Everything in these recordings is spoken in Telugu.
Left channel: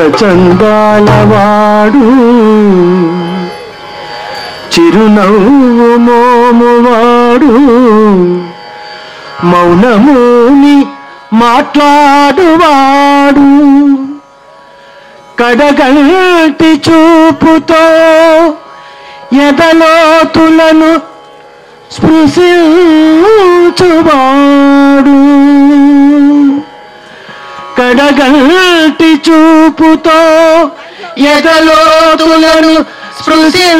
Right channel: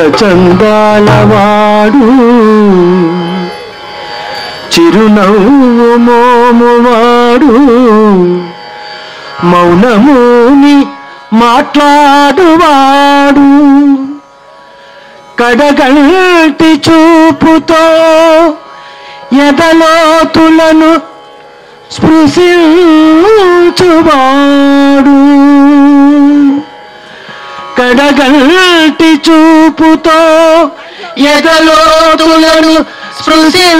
అందచందాలవాడు చిరునవ్వు మోమువాడు మౌనముని మాట్లాడువాడు కడగంటి చూపుతో ఎదలోతులను స్పృశించువాడు కడగంటి చూపుతో ఎదలోతులను స్పృశించువాడు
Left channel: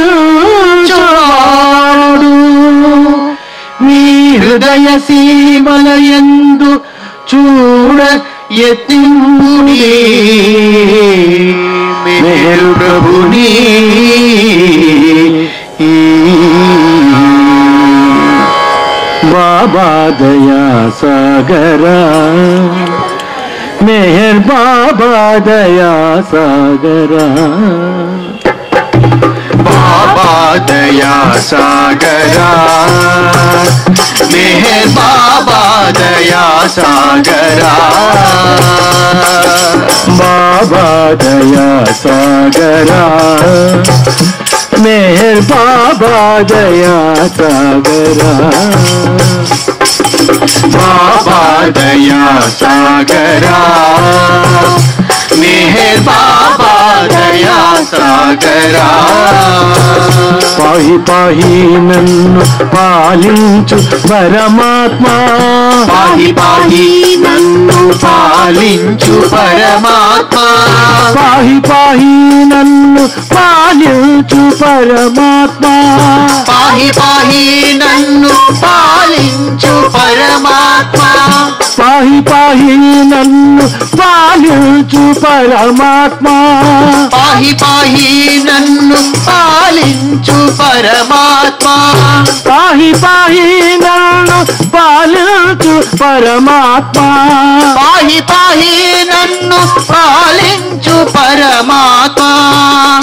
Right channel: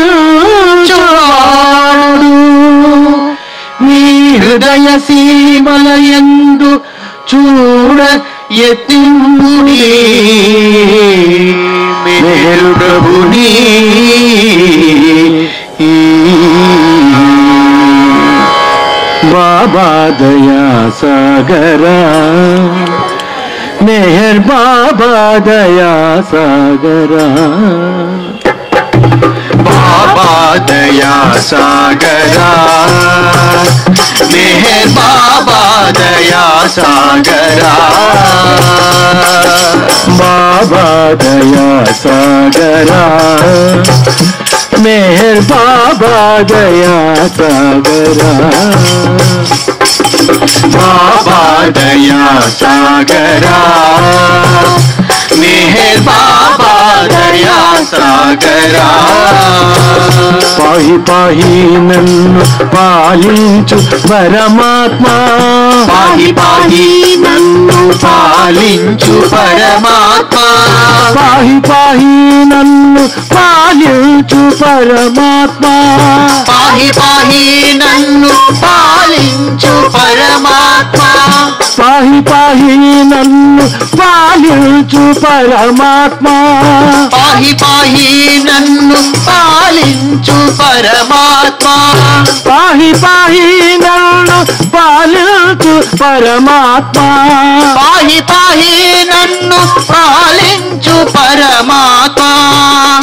మీ హృదయ సీమలయందు చూడ యత్నింపుడి మేరు ప్రభుని బాబా దయా సాగరా मेहर बाबा दया सागरा बाबा दया सागरा मेहर बाबा दया सागरा बाबा दया सागरा मेहर बाबा दया सागरा बाबा दया सागरा मेहर बाबा दया सागरा पाहि पाहि नन्नु पालिंचु परमात्मा पाहि पाहि नन्नु पालिंचु परमात्मा पाहि पाहि नन्नु पालिंचु परमात्मा पाहि पाहि नन्नु पालिंचु परमात्मा पाहि पाहि नन्नु पालिंचु परमात्मा पाहि पाहि नन्नु पालिंचु परमात्मा पाहि पाहि नन्नु पालिंचु परमात्मा पाहि पाहि नन्नु पालिंचु परमात्मा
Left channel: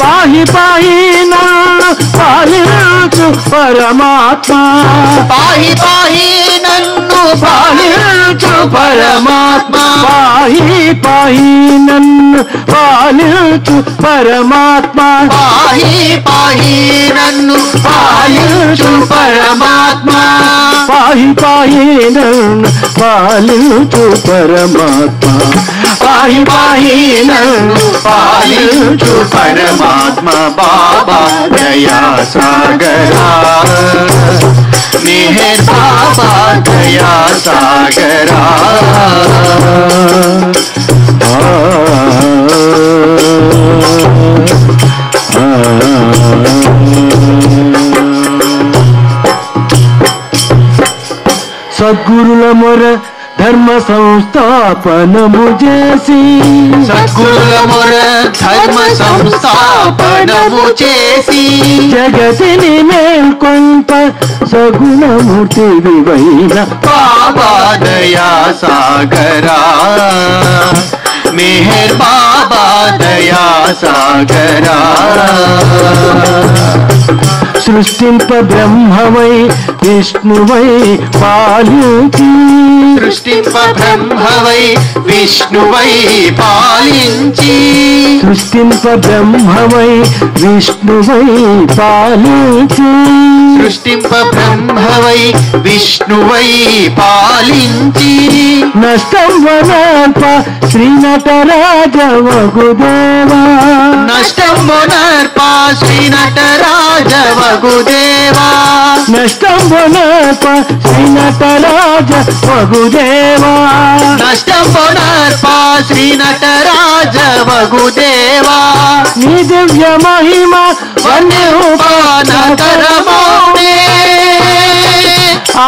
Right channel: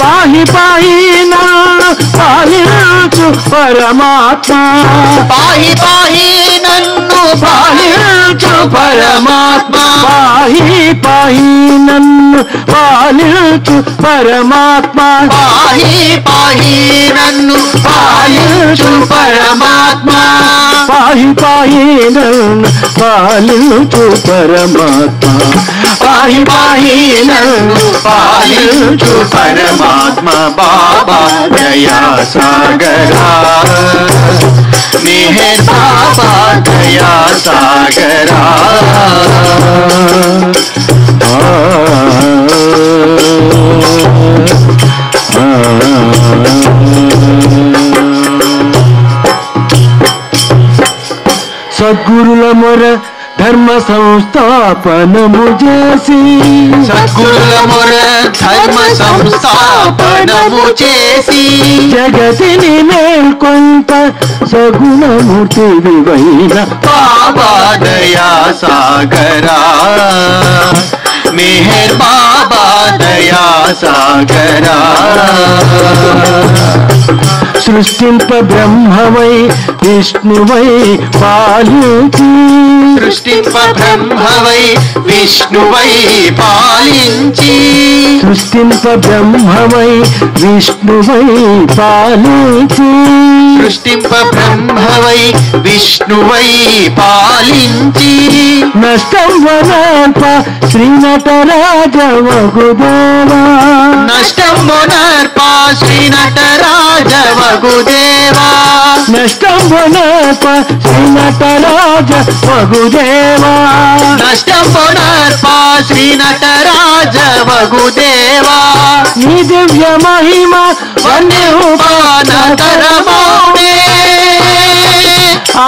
पाहि पाहि नन्नु पालिंचु परमात्मा पाहि पाहि नन्नु पालिंचु परमात्मा पाहि पाहि नन्नु पालिंचु परमात्मा पाहि पाहि नन्नु पालिंचु परमात्मा पाहि पाहि नन्नु पालिंचु परमात्मा पाहि पाहि नन्नु पालिंचु परमात्मा बाबा दया सागरा मेहर बाबा दया सागरा సద్గురుల మొర ధర్మ సంస్థాపనము చేసి సద్గురుల మొర ధర్మ సంస్థాపనము చేసి జగతిని మేల్కొంత సగుణమూర్తి వివైన బాబా దయా సాగరా मेहर बाबा दया सागरा సృష్టింప బ్రహ్మమై విష్ణువై పాలించి సృష్టింప బ్రహ్మవై విష్ణువై పాలించి సృష్టింప బ్రహ్మమై విష్ణువై పాలించి సృష్టింప బ్రహ్మవై విష్ణువై పాలించి నష్టం వనర్ప శ్రీ నటరాజ వగుదేవా నష్టం వనర్ప శ్రీ నటరాజ వగుదేవా నష్టం వనర్ప శ్రీ నటరాజ వగుదేవా నష్టం వనర్ప శ్రీ నటరాజ వగుదేవా నీ దివ్య మహిమ వన్యపానతరమౌనే ఆ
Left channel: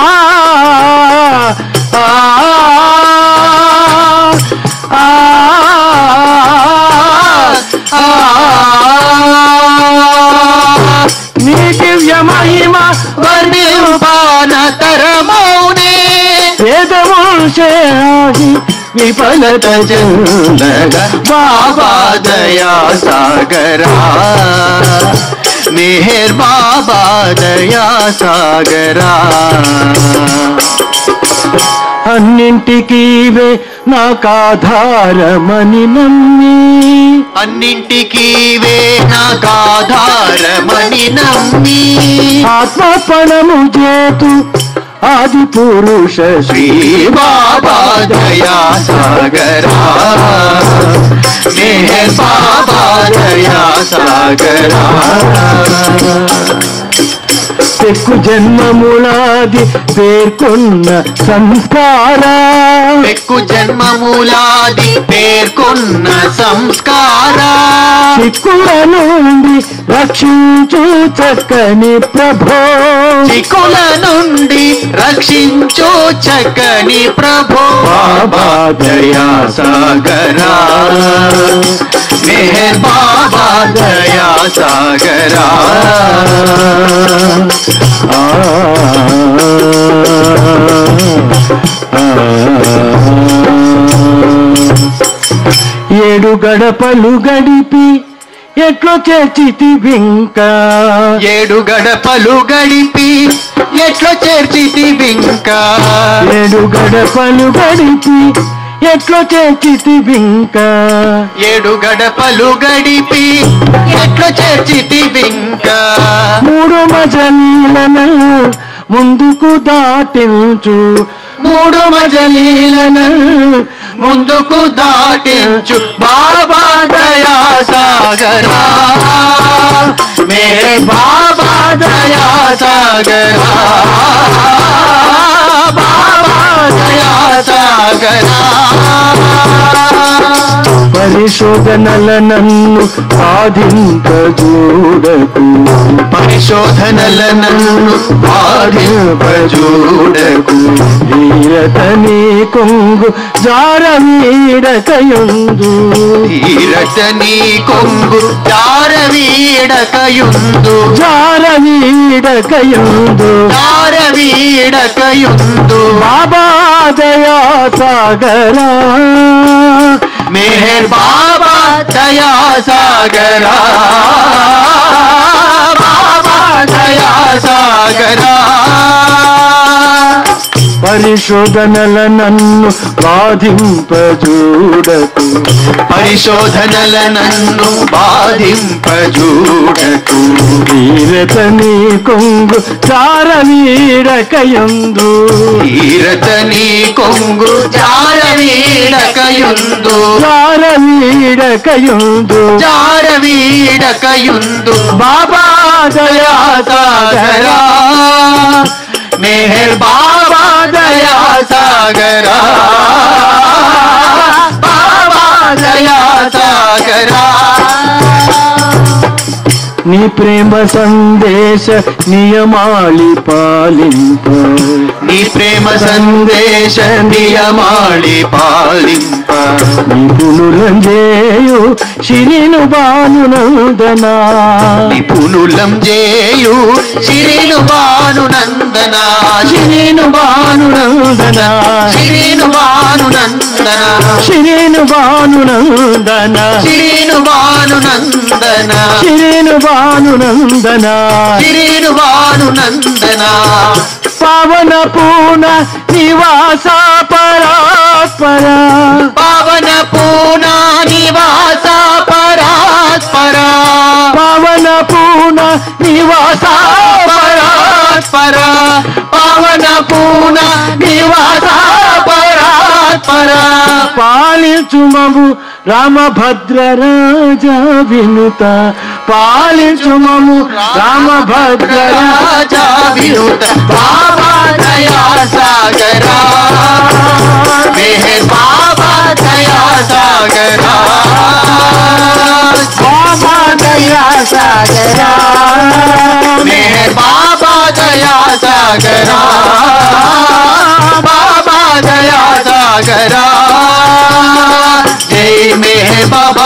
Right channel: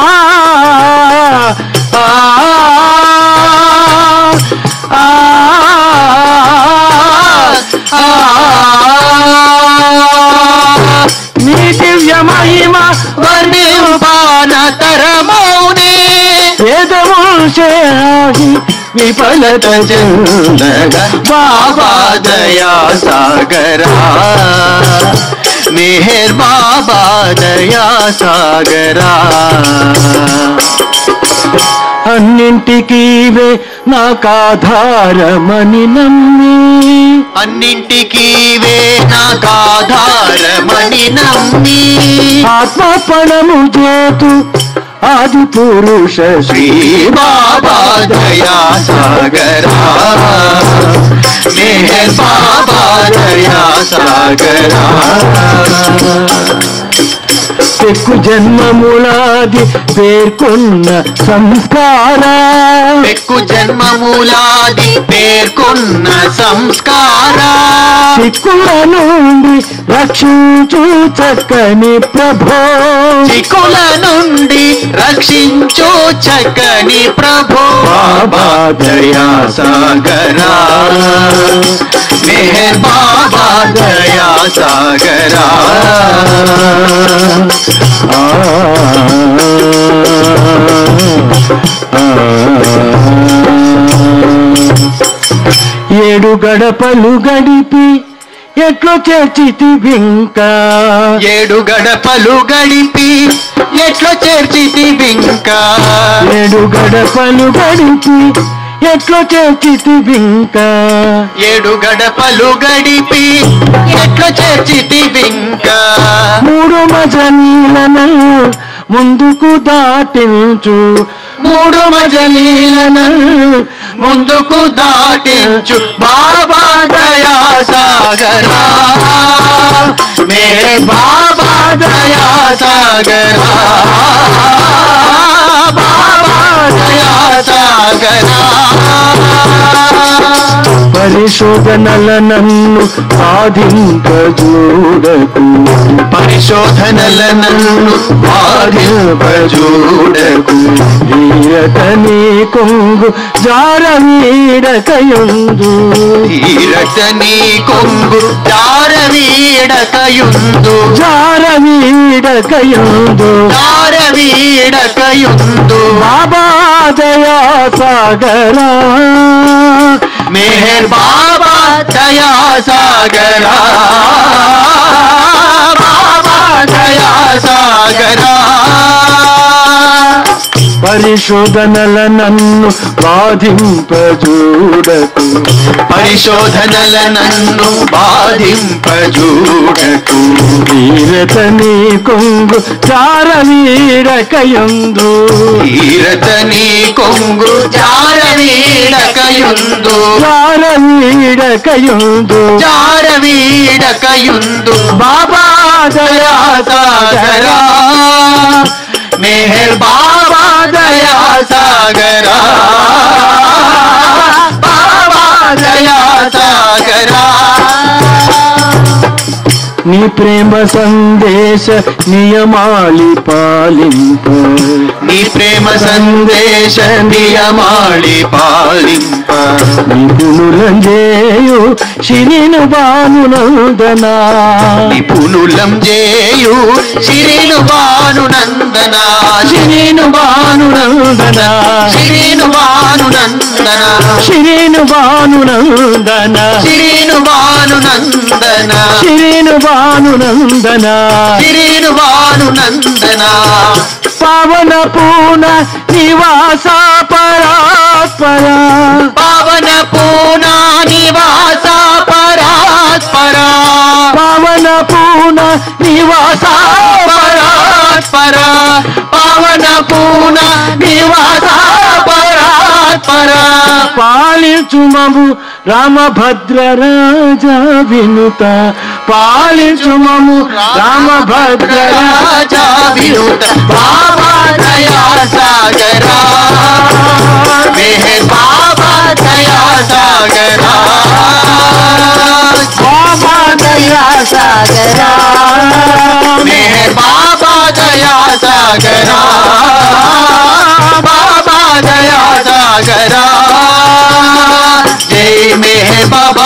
నీ దివ్య మహిమ వన్యపానతరమౌనే వేదముషేహి విఫలత చందగ బాబా దయా సాగరా मेहर बाबा दया सागरा అన్నింటికీవే నాకాధారమని నమ్మి అన్నింటికీ వే నాకాధారమని నమ్మి ఆత్మపణము చేతు ఆది పురుష శ్రీ బాబా దయా సాగరా మెహర్ బాబా దయా సాగరా పెక్కు జన్మములాది పేర్కొన్న సంస్కార పెక్కు జన్మమూలాది పేర్కొన్న సంస్కార చిక్కుల నుండి రక్షించు చక్కని ప్రభో చిక్కుల నుండి రక్షించు చక్కని ప్రభో బాబా దయా సాగరా మెహర్ బాబా దయా సాగరా ఏడు గడపలు గడిపి ఎట్లో చేర్చితివింకా ఏడు గడపలు గడిపి ఎట్లో చేర్చితివింకా ఏడు గడపలు గడిపి ఎట్లో చేర్చితివింకా ఏడు గడపలు గడిపి ఎట్లో చేర్చితివింకా మూడు మజలీలను ముందుకు దాటించు మూడు మజలీలను ముందుకు దాటించు బాబా దయా సాగరా మేరే బాబా దయా సాగరా బాబా దయా సాగరా పరిశోధనల నన్ను బాధింపజూడకు పరిశోధనల నన్ను బాధింపజూడకు ధీరతని కొంగు జారవీడకయుందు ధీరతని కొంగు జారవీడకయుందు జారవీడకయుందు జారవీడకయుందు బాబా దయా సాగరా మెహర్ బాబా దయా సాగరా బాబా దయా సాగరా పరిశోధనల నన్ను బాధింపజూడకు పరిశోధనల నన్ను బాధింపజూడకు ధీరతని కొంగు జారవీడకయుందు ధీరతని కొంగు జారవీడకయుందు జారవీడకయుందు జారవీడకయుందు బాబా దయా సాగరా మెహర్ బాబా దయా సాగరా బాబా దయా సాగరా నీ ప్రేమ సందేశ నియమాళి పాలింప నీ ప్రేమ సందేశ నియమాళి పాలింప నిపుణులం చేయు శిరిను భానునందనా నిపుణులం చేయు శిరిను భానునందనా శిరిను భానునందనా శిరిను భానునందనా శిరిను భానునందనా శిరిను భానునందనా శిరిను భానునందనా శిరిను భానునందనా పావన పూన నివాస పరాత్పర పవన పూనా నివాస పరాత్పర పావన పూన నివాస పరాత్పర పవన పూనా నివాస పరాత్పర పాలించుమము రామభద్ర రాజా వినుత పాలించుమము రామభద్ర రాజా వినుత బాబా దయా సాగరా మెహర్ బాబా దయా సాగరా బాబా దయా సాగరా మెహర్ బాబా దయా సాగరా బాబా దయా సాగరా జై మెహర్ బాబా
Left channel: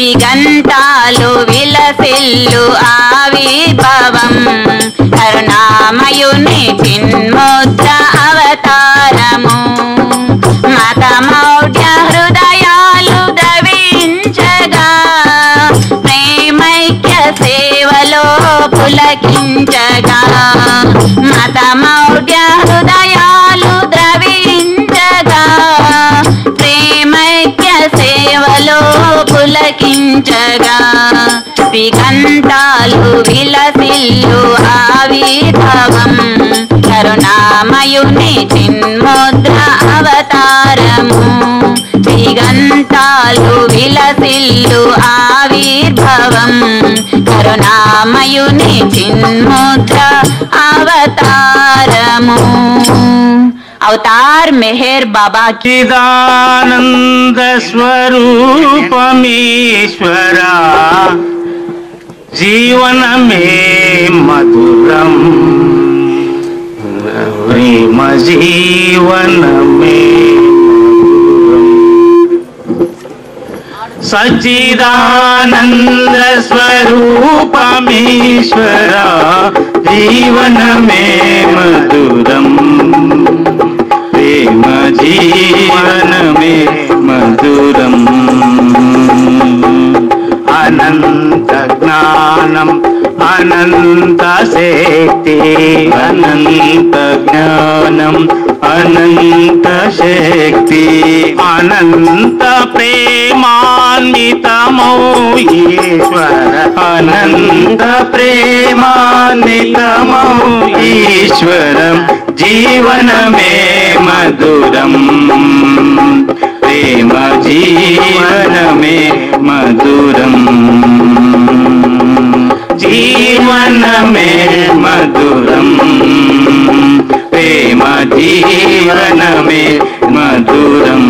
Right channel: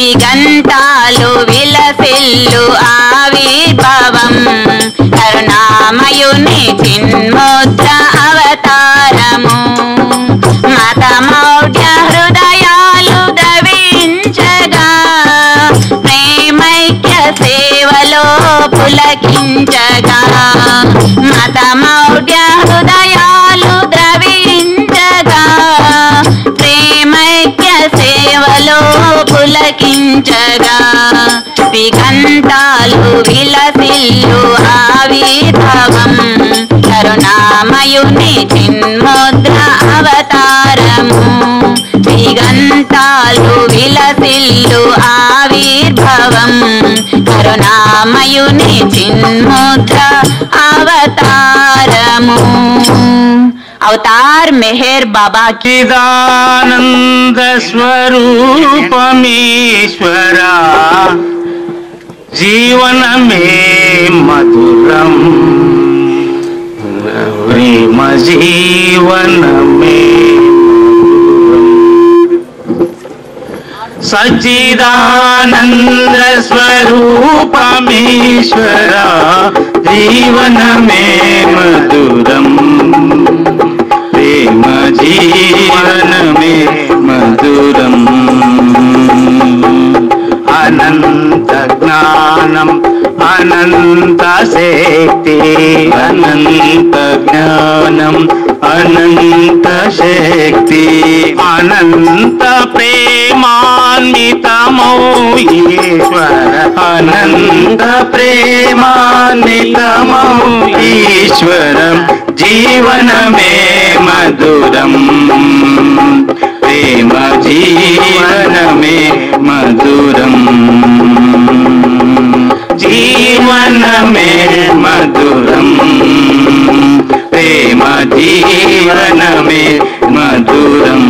విగంటాలు విలసిల్లు ఆవిర్భావం కరుణామయుని చిన్ముద్ర అవతారము మతమౌఢ్య హృదయాలు ద్రవించగా ప్రేమైక్య సేవలో పులకించగా మతమౌఢ్య హృదయాలు ద్రవించగా ప్రేమైక్య సేవలో పులకించగా విగంటాలు విలసిల్లు ఆవిర్భావం కరుణామయుని చిన్ముద్ర అవతారము విగంటాలు విలసిల్లు ఆవిర్భావం కరుణామయుని చిన్ముద్ర అవతారము अवतार मेहर बाबा की चिदानंद स्वरूपमीश्वरा जीवन में मधुरम प्रेम जीवन में सच्चिदानंद स्वरूपमीश्वरा जीवन में मधुरम प्रेम जीवन में मधुरम अनंत ज्ञानम अनंत शक्ति अनंत ज्ञानम अनंत शक्ति अनंत प्रेमान्वितमो ईश्वर अनंत प्रेमान्वितमो ईश्वरम जीवन में मधुरम प्रेम जीवन में मधुरम जीवन में मधुरम प्रेम जीवन में मधुरम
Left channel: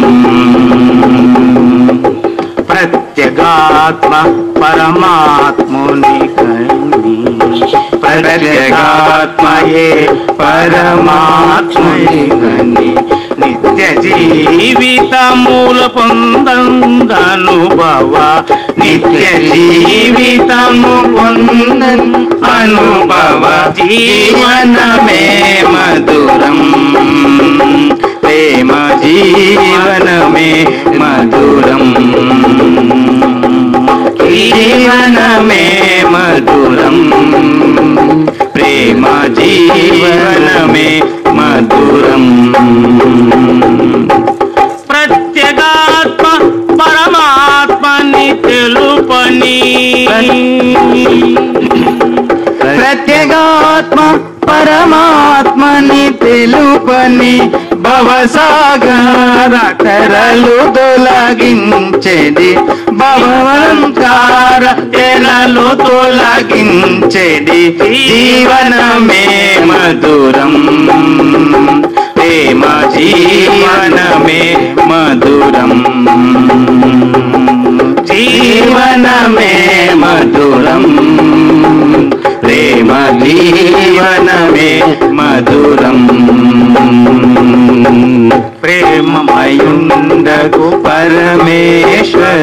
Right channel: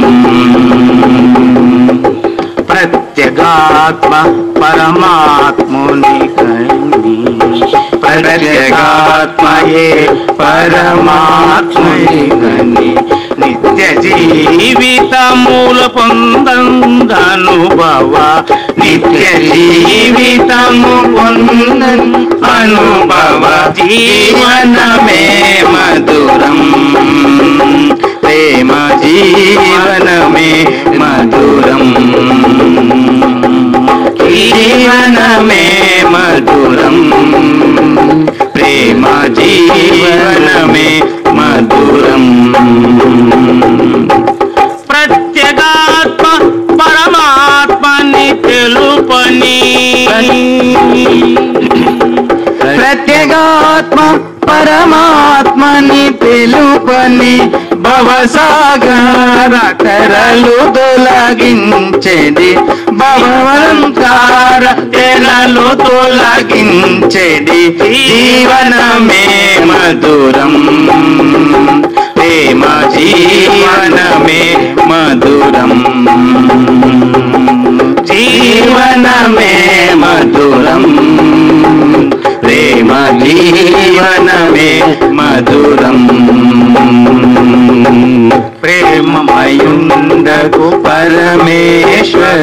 प्रत्यगात्म परमात्मुनि कनि प्रत्यगात्म ये परमात्मुनि कनि नित्य जीवित मूल పొందనుభవ नित्य जीवित अनुभव जीवन में मधुरम प्रेम जीवन में मधुरम जीवन में मधुरम प्रेम जीवन में मधुरम प्रत्यगात्म परमात्मनि तेलुपनि प्रत्यगात्म परमात्मनि तेलुपनि భవసాగర తెరలు తొలగించెడి భవవంతార తెరలు తొలగించెడి జీవనమే మధురం ప్రేమ జీవనమే మధురం జీవనమే మధురం ప్రేమ జీవనమే మధురం ప్రేమమయుండగు పరమేశ్వరుని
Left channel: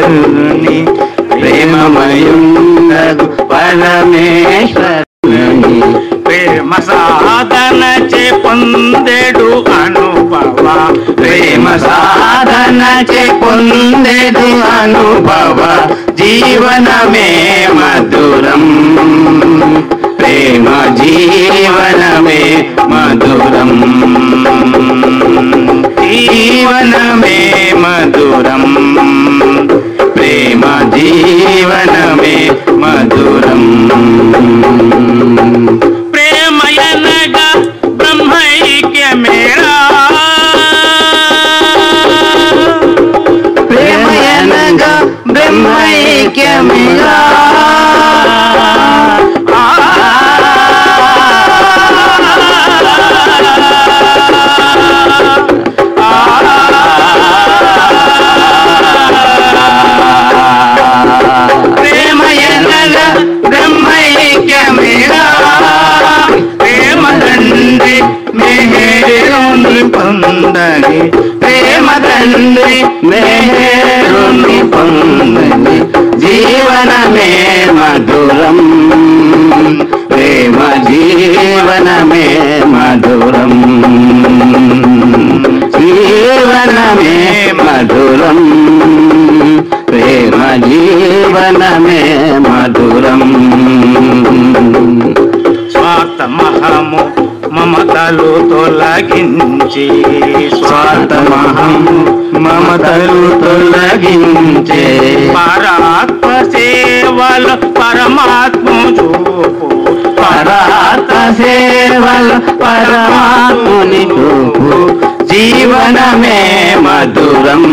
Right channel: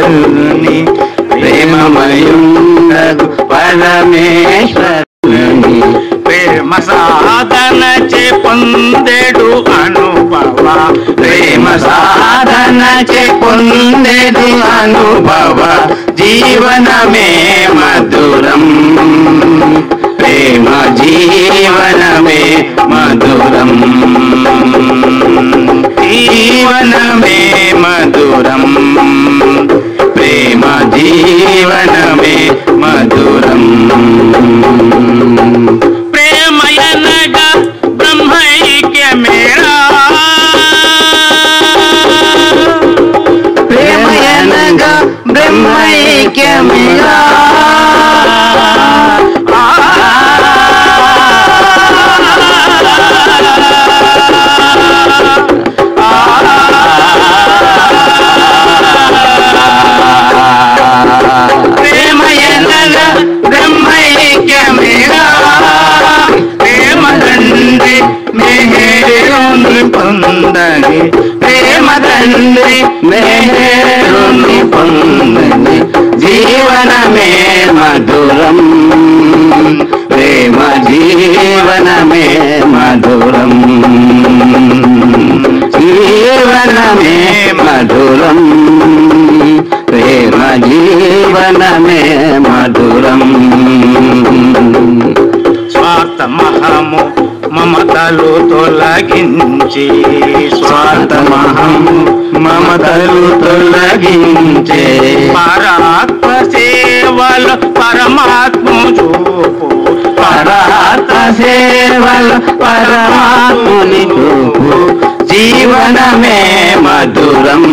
ప్రేమమయుండగు పరమేశ్వరుని ప్రేమ సాధన చే పొందెడు అనుభవ ప్రేమ సాధన చే పొందెడు అనుభవ జీవనమే మధురం ప్రేమ జీవనమే మధురం జీవనమే మధురం ప్రేమ జీవనమే మధురం ప్రేమయనగా బ్రహ్మైక్య మేరా ప్రేమయనగా బ్రహ్మైక్య మేరా పొందని ప్రేమ తండ్రి మేరుని పొందని జీవనమే మధురం ప్రేమ జీవనమే మధురం జీవనమే మధురం ప్రేమ జీవనమే మధురం స్వార్థమహము మమతలు తొలగించి స్వార్థమహము మమతలు తొలగించే పరాత్మ సేవలు పరమాత్మ చూపు పరాత్మ సేవలు పరమాత్ముని చూపు జీవనమే మధురం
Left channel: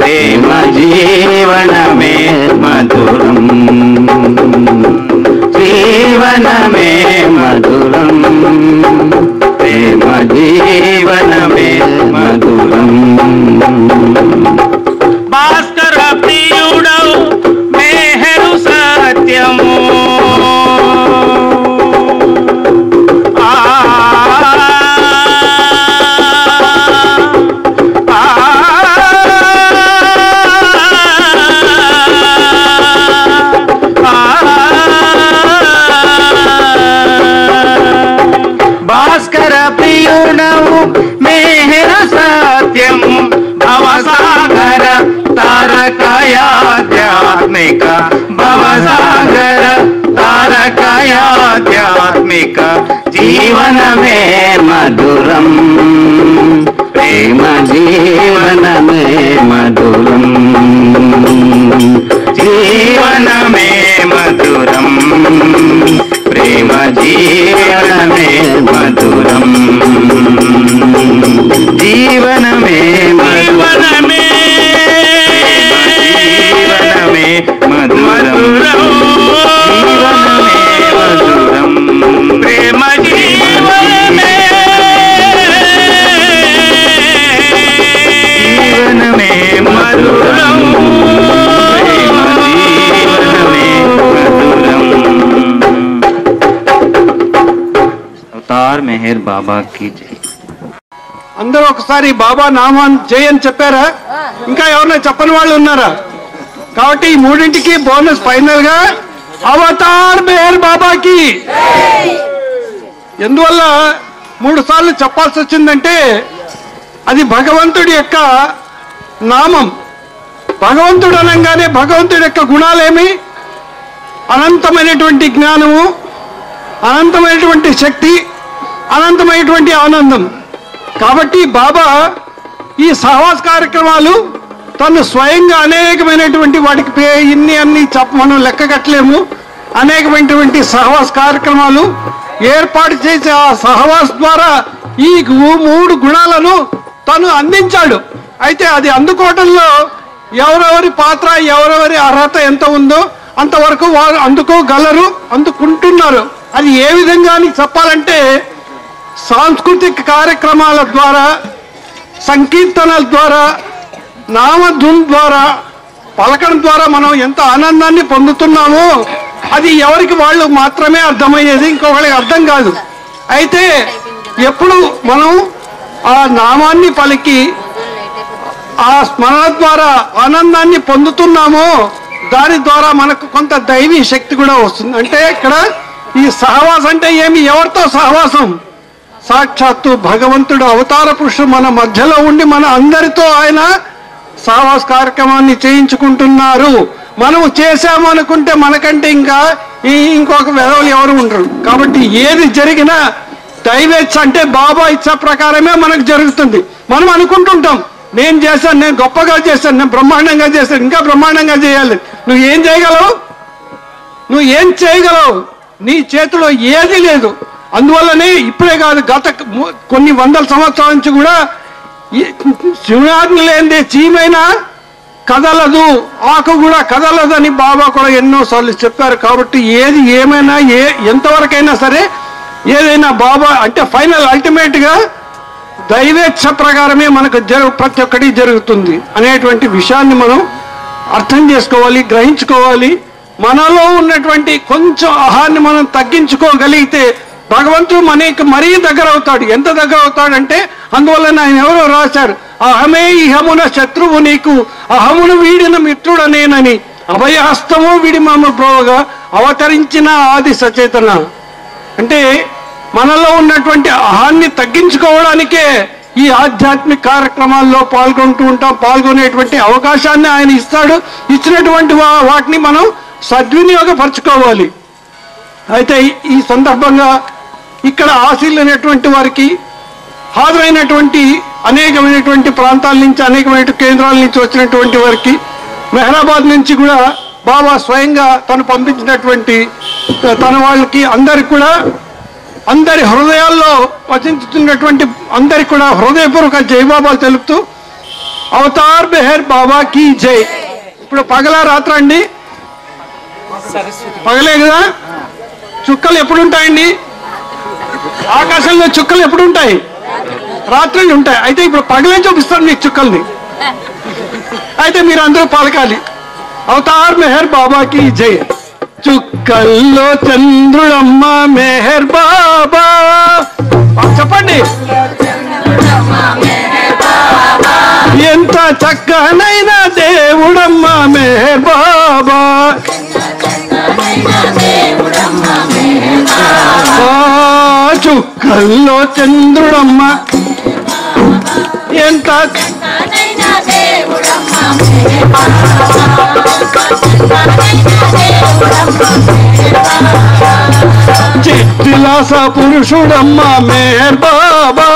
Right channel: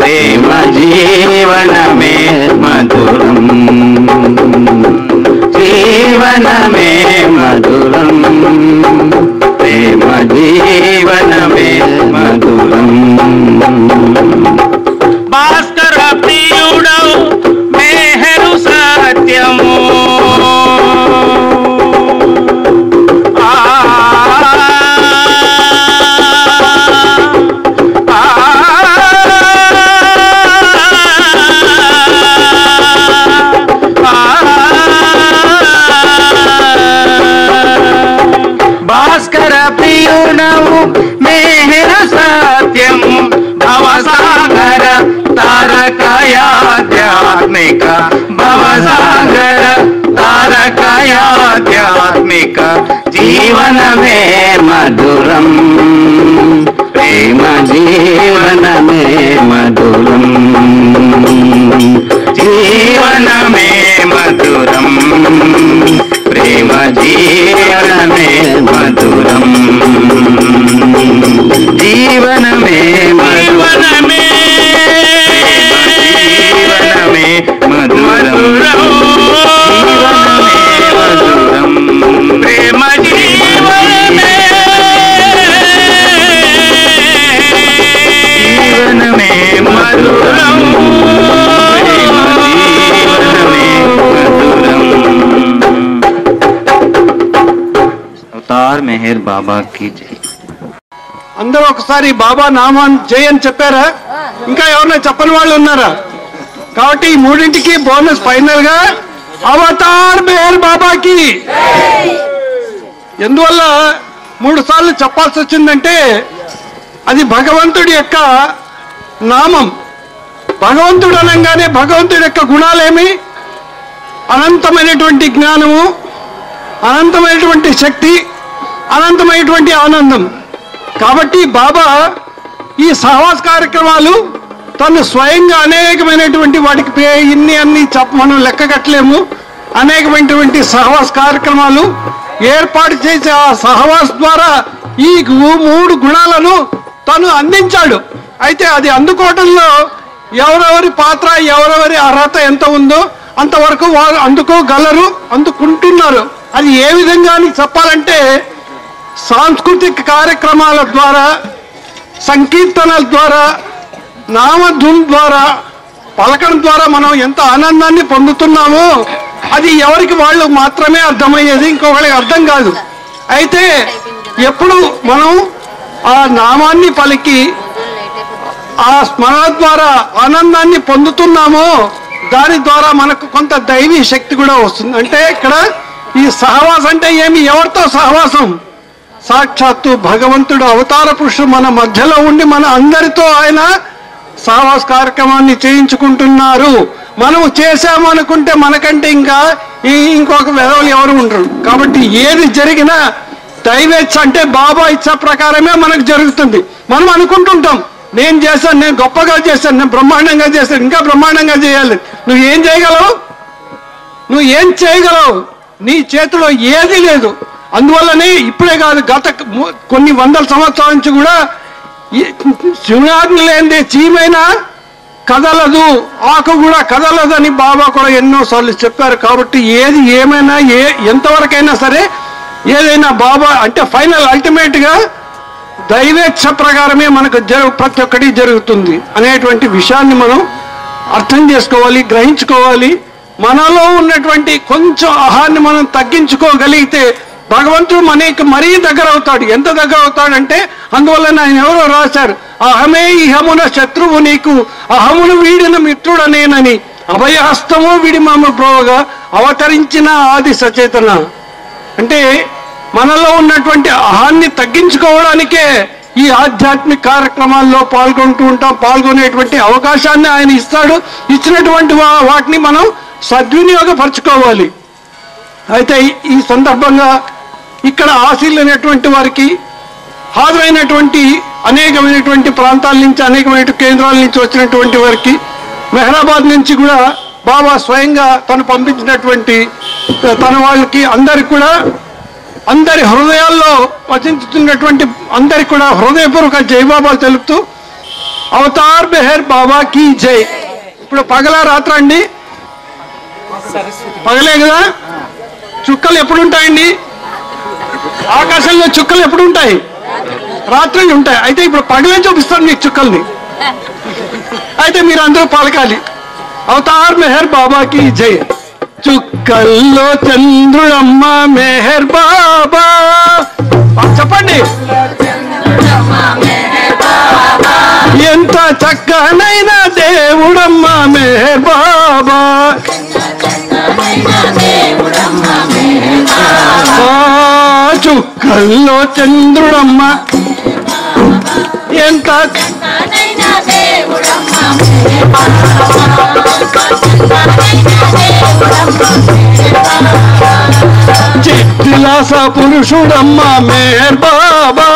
ప్రేమ జీవనమే మధురం జీవనమే మధురం ప్రేమ జీవనమే మధురం భాస్కర ప్రియుడవు మేహరు సత్యము భాస్కర ప్రియుడవు మేహరు సత్యము భవసాగర తారకయాధ్యాత్మిక భవసాగర తారకయాధ్యాత్మిక జీవనమే మధురం ప్రేమ జీవనమే మధురం జీవనమే మధురం ప్రేమ జీవనమే మధురం జీవనమే జీవనమే జీవనమే మధురం జీవనమే మధురం ప్రేమ జీవనమే జీవనమే మధురం ప్రేమ జీవనమే మధురం అవతార్ మెహర్ బాబా की जय అందరూ ఒకసారి బాబా నామాన్ జై అని చెప్పారా? ఇంకా ఎవరైనా చెప్పని వాళ్ళు ఉన్నారా? కాబట్టి ఈ మూడింటికి బోనస్ ఫైనల్ గా అవతార్ మెహర్ బాబాకి. ఎందువల్ల 3 సార్లు చెప్పాల్సి వచ్చిందంటే అది భగవంతుడి యొక్క నామం. భగవంతుడు అనగానే భగవంతుడి యొక్క గుణాలేమి? అనంతమైనటువంటి జ్ఞానము, అనంతమైనటువంటి శక్తి, అనంతమైనటువంటి ఆనందం. కాబట్టి బాబా ఈ సహవాస కార్యక్రమాలు తను స్వయంగా అనేకమైనటువంటి వాటికి అన్ని మనం లెక్క కట్టలేము. అనేకమైనటువంటి సహవాస కార్యక్రమాలు ఏర్పాటు చేసి ఆ సహవాస ద్వారా ఈ 3 గుణాలను తను అందించాడు. అయితే అది అందుకోవటంలో ఎవరెవరి పాత్ర, ఎవరెవరి అర్హత ఎంత ఉందో అంతవరకు వారు అందుకోగలరు, అందుకుంటున్నారు. అది ఏ విధంగా అని చెప్పాలంటే సాంస్కృతిక కార్యక్రమాల ద్వారా, సంకీర్తనల ద్వారా, నామధున్ ద్వారా, పలకడం ద్వారా మనం ఎంత ఆనందాన్ని పొందుతున్నామో అది ఎవరికి వాళ్ళు మాత్రమే అర్థమయ్యేది, ఇంకొకరికి అర్థం కాదు. అయితే ఎప్పుడు మనం ఆ నామాన్ని పలికి ఆ స్మరణ ద్వారా ఆనందాన్ని పొందుతున్నామో దాని ద్వారా మనకు కొంత దైవీ శక్తి కూడా వస్తుంది. అంటే ఇక్కడ ఈ సహవాసం అంటే ఏమి? ఎవరితో సహవాసం? సాక్షాత్తు భగవంతుడు అవతార పురుషుడు మన మధ్యలో ఉండి మన అందరితో ఆయన సహవాస కార్యక్రమాన్ని చేయించుకుంటున్నారు. మనము చేశాము అనుకుంటే మనకంటే ఇంకొక వెధవలు ఎవరు ఉండరు. కాబట్టి ఏది జరిగినా దైవేచ్ఛ అంటే బాబా ఇచ్చ ప్రకారమే మనకు జరుగుతుంది. మనం అనుకుంటుంటాం నేను చేశాను, నేను గొప్పగా చేశాను, నేను బ్రహ్మాండంగా చేశాను, ఇంకా బ్రహ్మాండంగా చేయాలి. నువ్వు ఏం చేయగలవు? నువ్వు ఏం చేయగలవు? నీ చేతిలో ఏది లేదు. అందువల్లనే ఇప్పుడే కాదు, గత కొన్ని వందల సంవత్సరాల నుంచి కూడా శివనాజ్ఞ లేనిదే చీమైనా కదలదు, ఆకు కూడా కదలదు అని బాబా కూడా ఎన్నోసార్లు చెప్పారు. కాబట్టి ఏది ఏమైనా ఎంతవరకైనా సరే ఏదైనా బాబా అంటే ఫైనల్ అల్టిమేట్గా దైవేచ్ఛ ప్రకారమే మనకు ప్రతి ఒక్కటి జరుగుతుంది అనేటువంటి విషయాన్ని మనం అర్థం చేసుకోవాలి, గ్రహించుకోవాలి. మనలో ఉన్నటువంటి కొంచెం అహాన్ని మనం తగ్గించుకోగలిగితే భగవంతుడు మనకి మరీ దగ్గర అవుతాడు. ఎంత దగ్గర అవుతాడంటే అందువల్ల ఆయన ఎవరో రాశారు, అహమే ఇహమున శత్రువు నీకు, అహమును వీడిన మిత్రుడనేనని. అభయహస్తము వీడి మమ్మ ప్రోగా అవతరించిన ఆది సచేతన. అంటే మనలో ఉన్నటువంటి అహాన్ని తగ్గించుకోవడానికే ఈ ఆధ్యాత్మిక కార్యక్రమాల్లో పాల్గొనేటువంటి అవకాశాన్ని ఆయన ఇస్తాడు. ఇచ్చినటువంటి వాటిని మనం సద్వినియోగపరచుకోవాలి. అయితే ఈ సందర్భంగా ఇక్కడ ఆశీలైనటువంటి వారికి, హాజరైనటువంటి అనేకమైనటువంటి ప్రాంతాల నుంచి, అనేకమైన కేంద్రాల నుంచి వచ్చినటువంటి వారికి, మెహరాబాద్ నుంచి కూడా బాబా స్వయంగా తను పంపించినటువంటి తన వాళ్ళకి అందరికి కూడా, అందరి హృదయాల్లో వచించుతున్నటువంటి అందరికి కూడా హృదయపూర్వక జైబాబాలు తెలుపుతూ అవతార్ మెహర్ బాబా కీ జై. ఇప్పుడు పగలా రాత్ర అండి? పగలే కదా. చుక్కలు ఎప్పుడు ఉంటాయండి? ఆకాశంలో చుక్కలు ఎప్పుడు ఉంటాయి? రాత్రులు ఉంటాయి. అయితే ఇప్పుడు పగలే చూపిస్తాను మీకు చుక్కల్ని. అయితే మీరు అందరూ పలకాలి అవతార్ మెహర్ బాబా కీ జై. చుక్కల్లో చంద్రుడమ్మ మెహర్ బాబా. చెప్పండి. ఎంత చక్కనైన దేవుడమ్మ మెహర్ బాబా. చుక్కల్లో చంద్రుడమ్మ ఎంత చిత్తిలాస పురుషుడమ్మ మెహర్ బాబా.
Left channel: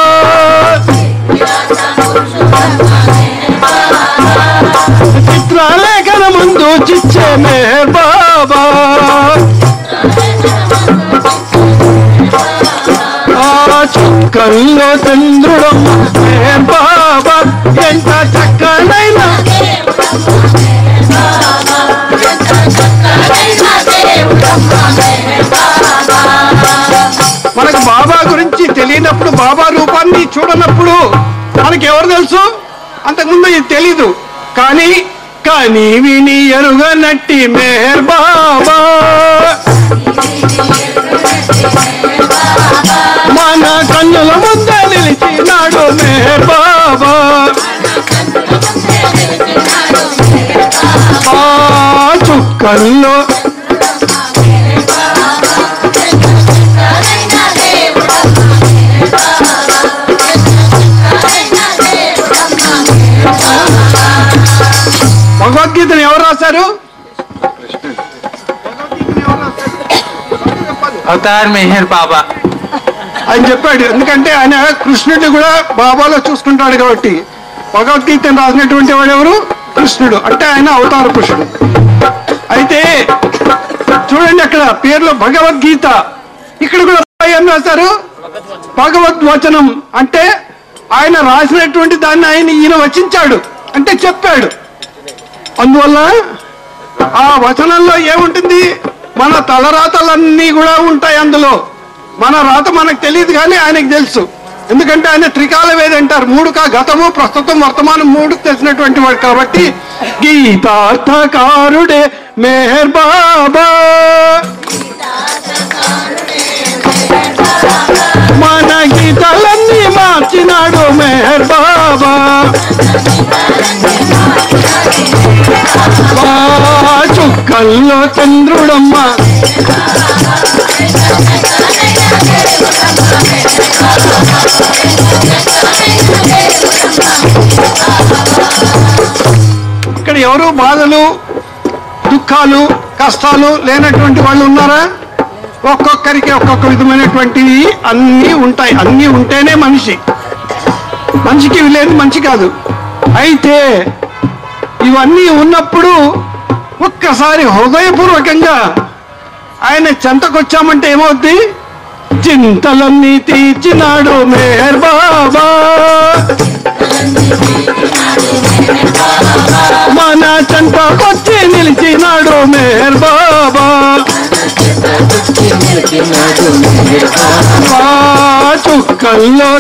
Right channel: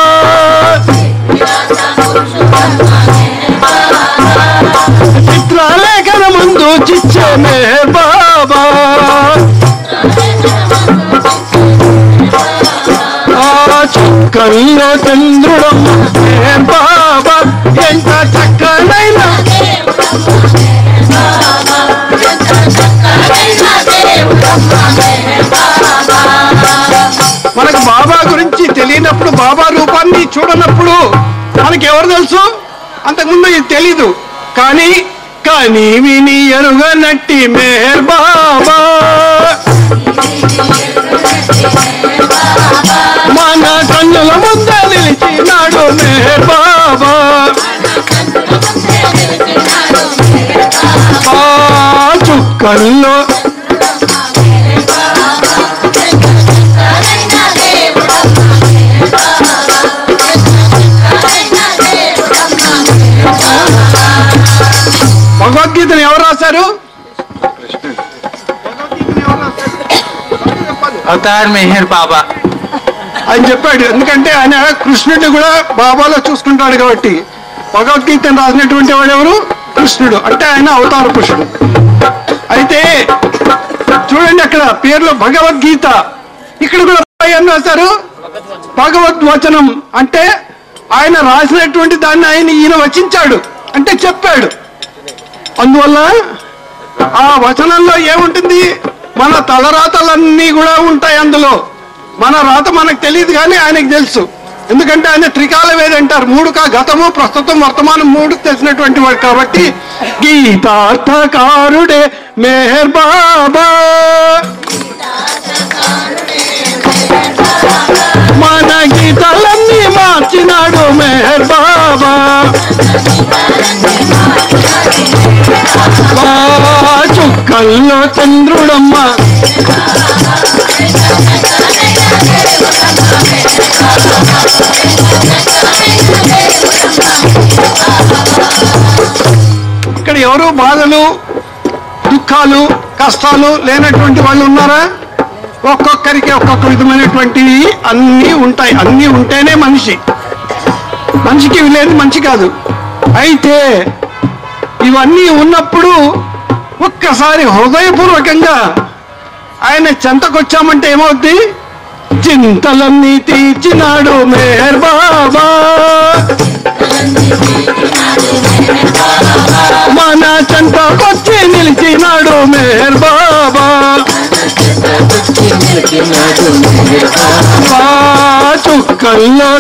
చిత్రలేఖన ముందు చిచ్చే మెహర్ బాబా. చుక్కల్లో చంద్రుడమ్మ మెహర్ బాబా. ఎంత చక్కనైన మనకు బాబా గురించి తెలియనప్పుడు, బాబా రూపాన్ని చూడనప్పుడు మనకి ఎవరు తెలుసు? అంతకుముందు ఇది తెలీదు. కానీ కానీ విని ఎరుగనట్టి మెహర్ బాబా. మన కన్నుల ముందే నిలిచినాడు మెహర్ బాబా. చుక్కల్లో భగవద్గీతను ఎవరు రాశారు? అవతార్ మెహర్ బాబా ఆయన చెప్పాడు. ఎందుకంటే ఆయన కృష్ణుడిని కూడా బాబాలో చూసుకుంటాడు కాబట్టి. భగవద్గీతను రాసినటువంటి వాడు ఎవరు? కృష్ణుడు. అంటే ఆయన అవతార పురుషుడు. అయితే చూడండి అక్కడ పేర్లో భగవద్గీత, ఇక్కడ కూడా ఏం రాశారు? భగవద్వచనం. అంటే ఆయన రాసినటువంటి దాన్ని ఈయన వచించాడు, అంటే చెప్పాడు. అందువల్ల ఆ వచనంలో ఏముంటుంది? మన తలరాతలన్నీ కూడా ఉంటాయి అందులో. మన రాత మనకు తెలియదు కానీ ఆయనకు తెలుసు. ఎందుకంటే ఆయన త్రికాల వేది అంటారు. గతము, ప్రస్తుతం, వర్తమానం మూడు తెలిసినటువంటి వాడు కాబట్టి గీతార్థకారుడే మెహర్ బాబా. మన గీతాలన్నీ మార్చినాడు మెహర్ బాబా. చుక్కల్లో చంద్రుడమ్మ ఇక్కడ ఎవరు బాధలు, దుఃఖాలు, కష్టాలు లేనటువంటి వాళ్ళు ఉన్నారా? ఒక్కొక్కరికి ఒక్కొక్క విధమైనటువంటివి అన్నీ ఉంటాయి. అన్నీ ఉంటేనే మనిషికి ఇవి లేదు మంచి కాదు. అయితే ఇవన్నీ ఉన్నప్పుడు ఒక్కసారి హృదయపూర్వకంగా ఆయన చెంతకొచ్చామంటే ఏమవుద్ది? చింతలన్నీ తీర్చినాడు మెహర్ బాబా. మన చెంతకొచ్చి నిలిచినాడు మెహర్ బాబా. చుక్కల్లో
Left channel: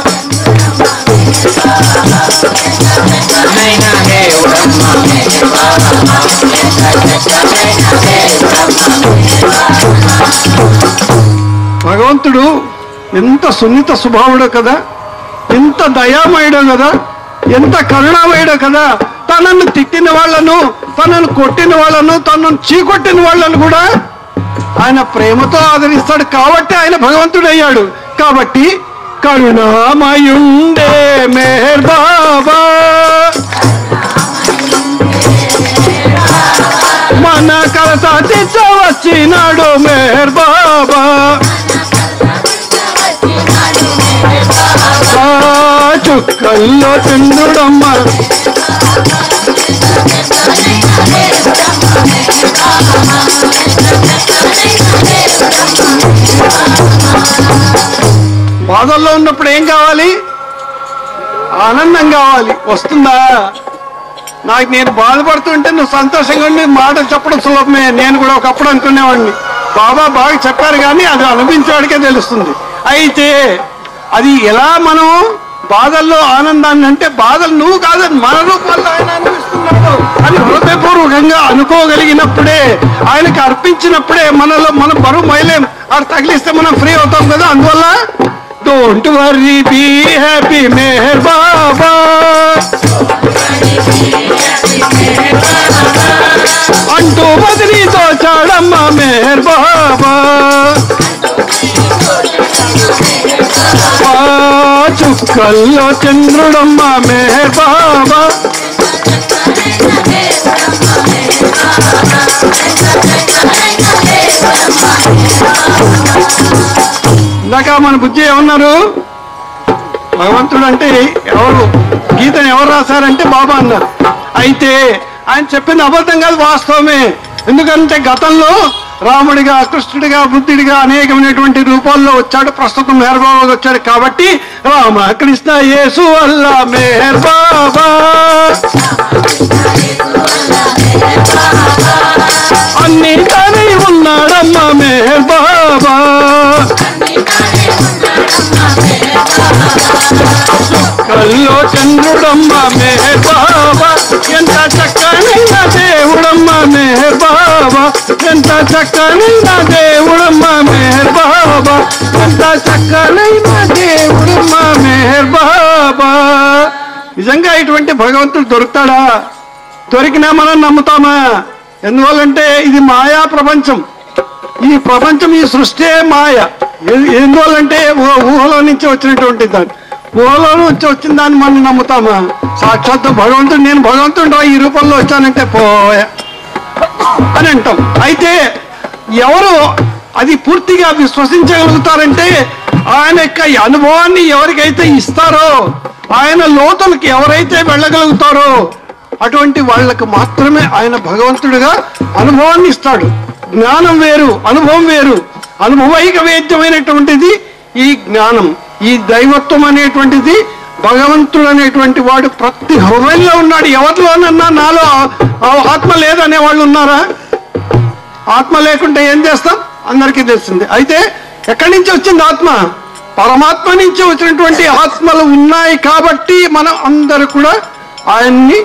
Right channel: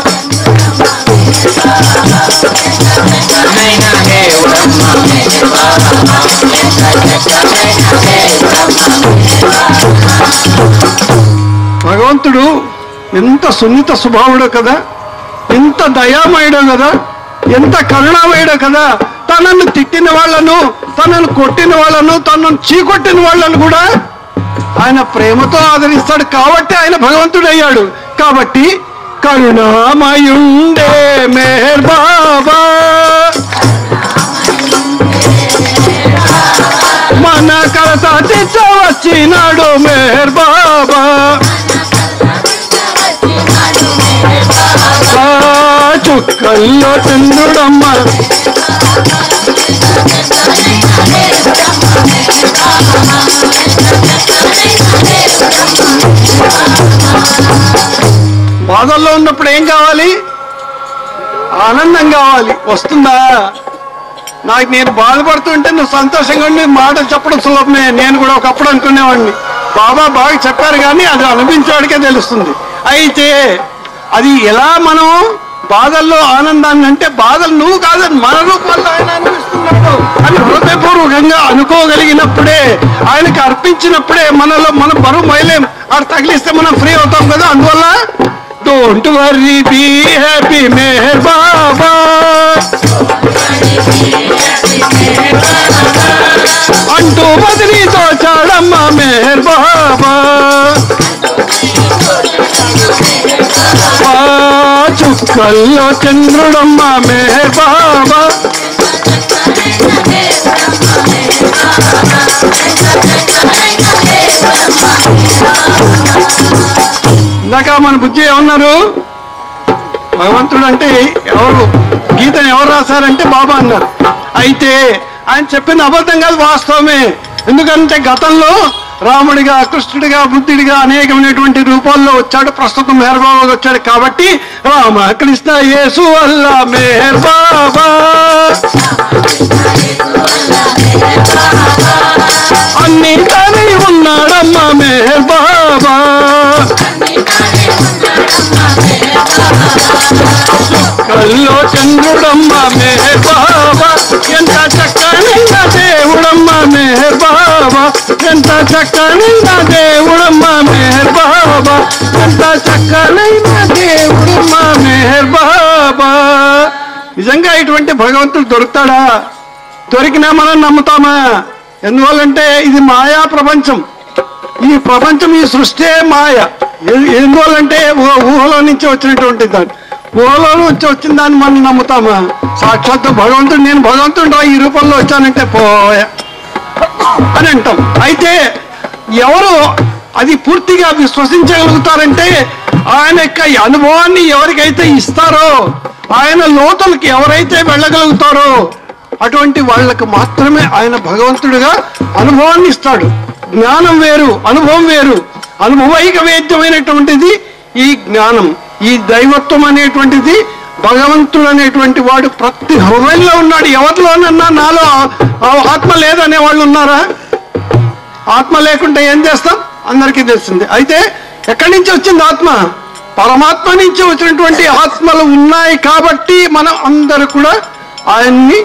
భగవంతుడు ఎంత సున్నిత స్వభావుడో కదా, ఎంత దయామయుడో కదా, ఎంత కరుణామయుడో కదా. తనను తిట్టిన తిట్టిన వాళ్ళను, తనను కొట్టిన వాళ్ళను, తనను చీకొట్టిన వాళ్ళను కూడా ఆయన ప్రేమతో ఆదరిస్తాడు. కాబట్టి ఆయన భగవంతుడయ్యాడు. కాబట్టి కరుణామయుండే మెహర్ బాబా, మన కలత వచ్చినాడు మెహర్ బాబా. చుక్కల్లో చంద్రుడమ్మ, బాధల్లో ఉన్నప్పుడు ఏం కావాలి? ఆనందం కావాలి. వస్తుందా? నాకు నేను బాధపడుతుంటే నువ్వు సంతోషంగా ఉండి మాటలు చెప్పడం సులభమే. నేను కూడా ఒకప్పుడు అనుకునేవాడిని, బాబా బాగా చెప్పారు కానీ అది అనిపించేవాడికే తెలుస్తుంది. అయితే అది ఎలా మనం బాధల్లో ఆనందాన్ని, అంటే బాధలు నువ్వు కాదని మన రూపాల్లో ఆయన అనిపిస్తున్నాడు అని హృదయపూర్వకంగా అనుకోగలిగినప్పుడే, ఆయనకి అర్పించినప్పుడే మనలో మనం బరువు మైలేం. ఆడు తగిలిస్తే మనం ఫ్రీ అవుతాం కదా. అందువల్ల don't worry be happy Meher Baba, అంటూ బదిలీతో చాడమ్మ మెహర్ బాబా. చుక్కల్లో చంద్రుడమ్మ మెహర్ బాబా, ఇందాక మన బుజ్జి ఏమన్నారు? భగవంతుడు అంటే ఎవరు, గీతను ఎవరు రాశారంటే బాబా అన్నారు. అయితే ఆయన చెప్పింది అబద్ధం కాదు, వాస్తవమే. ఎందుకంటే గతంలో రాముడిగా, కృష్ణుడిగా, బుద్ధుడిగా అనేకమైనటువంటి రూపాల్లో వచ్చాడు. ప్రస్తుతం మెహర్ బాబా వచ్చాడు. కాబట్టి రామ కృష్ణ యేసు అల్లా మెహర్ బాబా, అన్ని తానే ఉన్నాడమ్మ మెహర్ బాబా. కల్లో చంద్రుడమ్మ మెహర్ బాబా, ఎంత చక్కనైన దేవుడమ్మ మెహర్ బాబా, ఎంత చక్కనైన దేవుడమ్మ మెహర్ బాబా, ఎంత చక్కనైన దేవుడమ్మ మెహర్ బాబా. నిజంగా ఇటువంటి భగవంతుడు దొరుకుతాడా? దొరికినా మనం నమ్ముతామా? ఎందువల్లంటే ఇది మాయా ప్రపంచం. ఈ ప్రపంచం, ఈ సృష్టి మాయ. ఎందువల్లంటే ఊహలో నుంచి వచ్చినటువంటి దాన్ని, ఊహలో నుంచి వచ్చిన దాన్ని మనం నమ్ముతామా? సాక్షాత్తు భగవంతుడు, నేను భగవంతుడు ఈ రూపంలో వచ్చానంటే పోయా అని అంటాం. అయితే ఎవరు అది పూర్తిగా విశ్వసించగలుగుతారంటే ఆయన యొక్క అనుభవాన్ని ఎవరికైతే ఇస్తారో, ఆయన లోతులకి ఎవరైతే వెళ్ళగలుగుతారో అటువంటి వాళ్ళకు మాత్రమే ఆయన భగవంతుడిగా అనుభవాన్ని ఇస్తాడు. జ్ఞానం వేరు, అనుభవం వేరు. అనుభవైక వేద్యమైనటువంటిది ఈ జ్ఞానం, ఈ దైవత్వం అనేటువంటిది. భగవంతుడు అనేటువంటి వాడు ప్రతి హృదయంలో ఉన్నాడు. ఎవరిలోనన్నా నాలో ఆత్మ లేదనే వాళ్ళు ఉన్నారా? ఆత్మ లేకుంటే ఏం చేస్తాం? అందరికీ తెలిసింది. అయితే ఎక్కడి నుంచి వచ్చింది ఆత్మ? పరమాత్మ నుంచి వచ్చినటువంటి ఆత్మలు ఉన్నాయి. కాబట్టి మనం అందరూ కూడా ఆయన్ని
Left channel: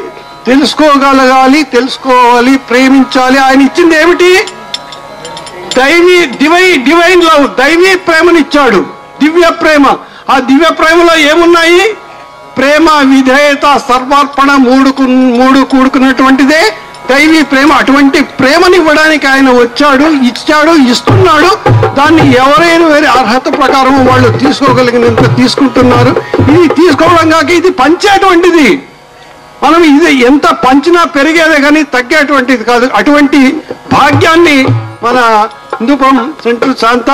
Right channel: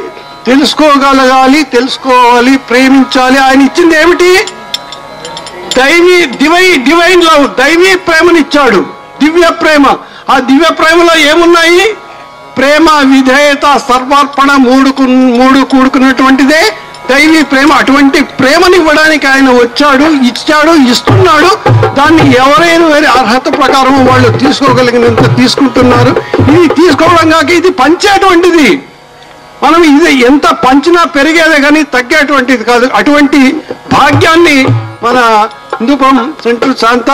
తెలుసుకోగలగాలి, తెలుసుకోవాలి, ప్రేమించాలి. ఆయన ఇచ్చింది ఏమిటి? డివైన్ లవ్, దైవీ ప్రేమనిచ్చాడు, దివ్య ప్రేమ. ఆ దివ్య ప్రేమలో ఏమున్నాయి? ప్రేమ, విధేయత, సర్వార్పణ, మూడు కూడుకున్నటువంటిదే దైవీ ప్రేమ. అటువంటి ప్రేమనివ్వడానికి ఆయన వచ్చాడు, ఇచ్చాడు, ఇస్తున్నాడు. దాన్ని ఎవరైనా వేరే అర్హత ప్రకారం వాళ్ళు తీసుకోగలిగినంత తీసుకుంటున్నారు. ఇది తీసుకోవడం కాక ఇది పంచేటువంటిది. మనం ఇది ఎంత పంచినా పెరిగేదే కానీ తగ్గేటువంటిది కాదు. అటువంటి భాగ్యాన్ని మన హిందూపురం సెంటర్ శాంత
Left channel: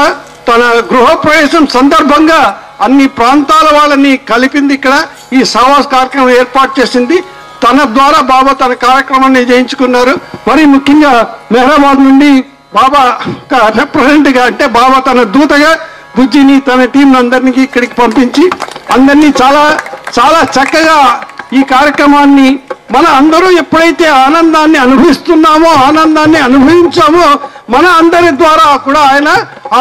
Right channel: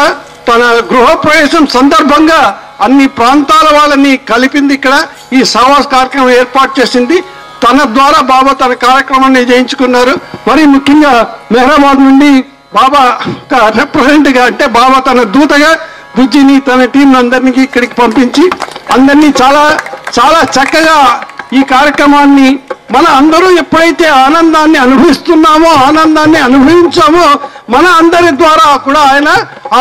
తన గృహప్రవేశం సందర్భంగా అన్ని ప్రాంతాల వాళ్ళని కలిపింది. ఇక్కడ ఈ సహవాస్ కార్యక్రమం ఏర్పాటు చేసింది. తన ద్వారా బాబా తన కార్యక్రమాన్ని చేయించుకున్నారు. మరి ముఖ్యంగా మెహరాబాద్ నుండి బాబా రిప్రజెంట్గా, అంటే బాబా తన దూతగా బుజ్జిని, తన టీం అందరినీ ఇక్కడికి పంపించి అందరినీ చాలా చాలా చక్కగా ఈ కార్యక్రమాన్ని మన అందరూ ఎప్పుడైతే ఆనందాన్ని అనుభవిస్తున్నామో, ఆనందాన్ని అనుభవించామో, మన అందరి ద్వారా కూడా ఆయన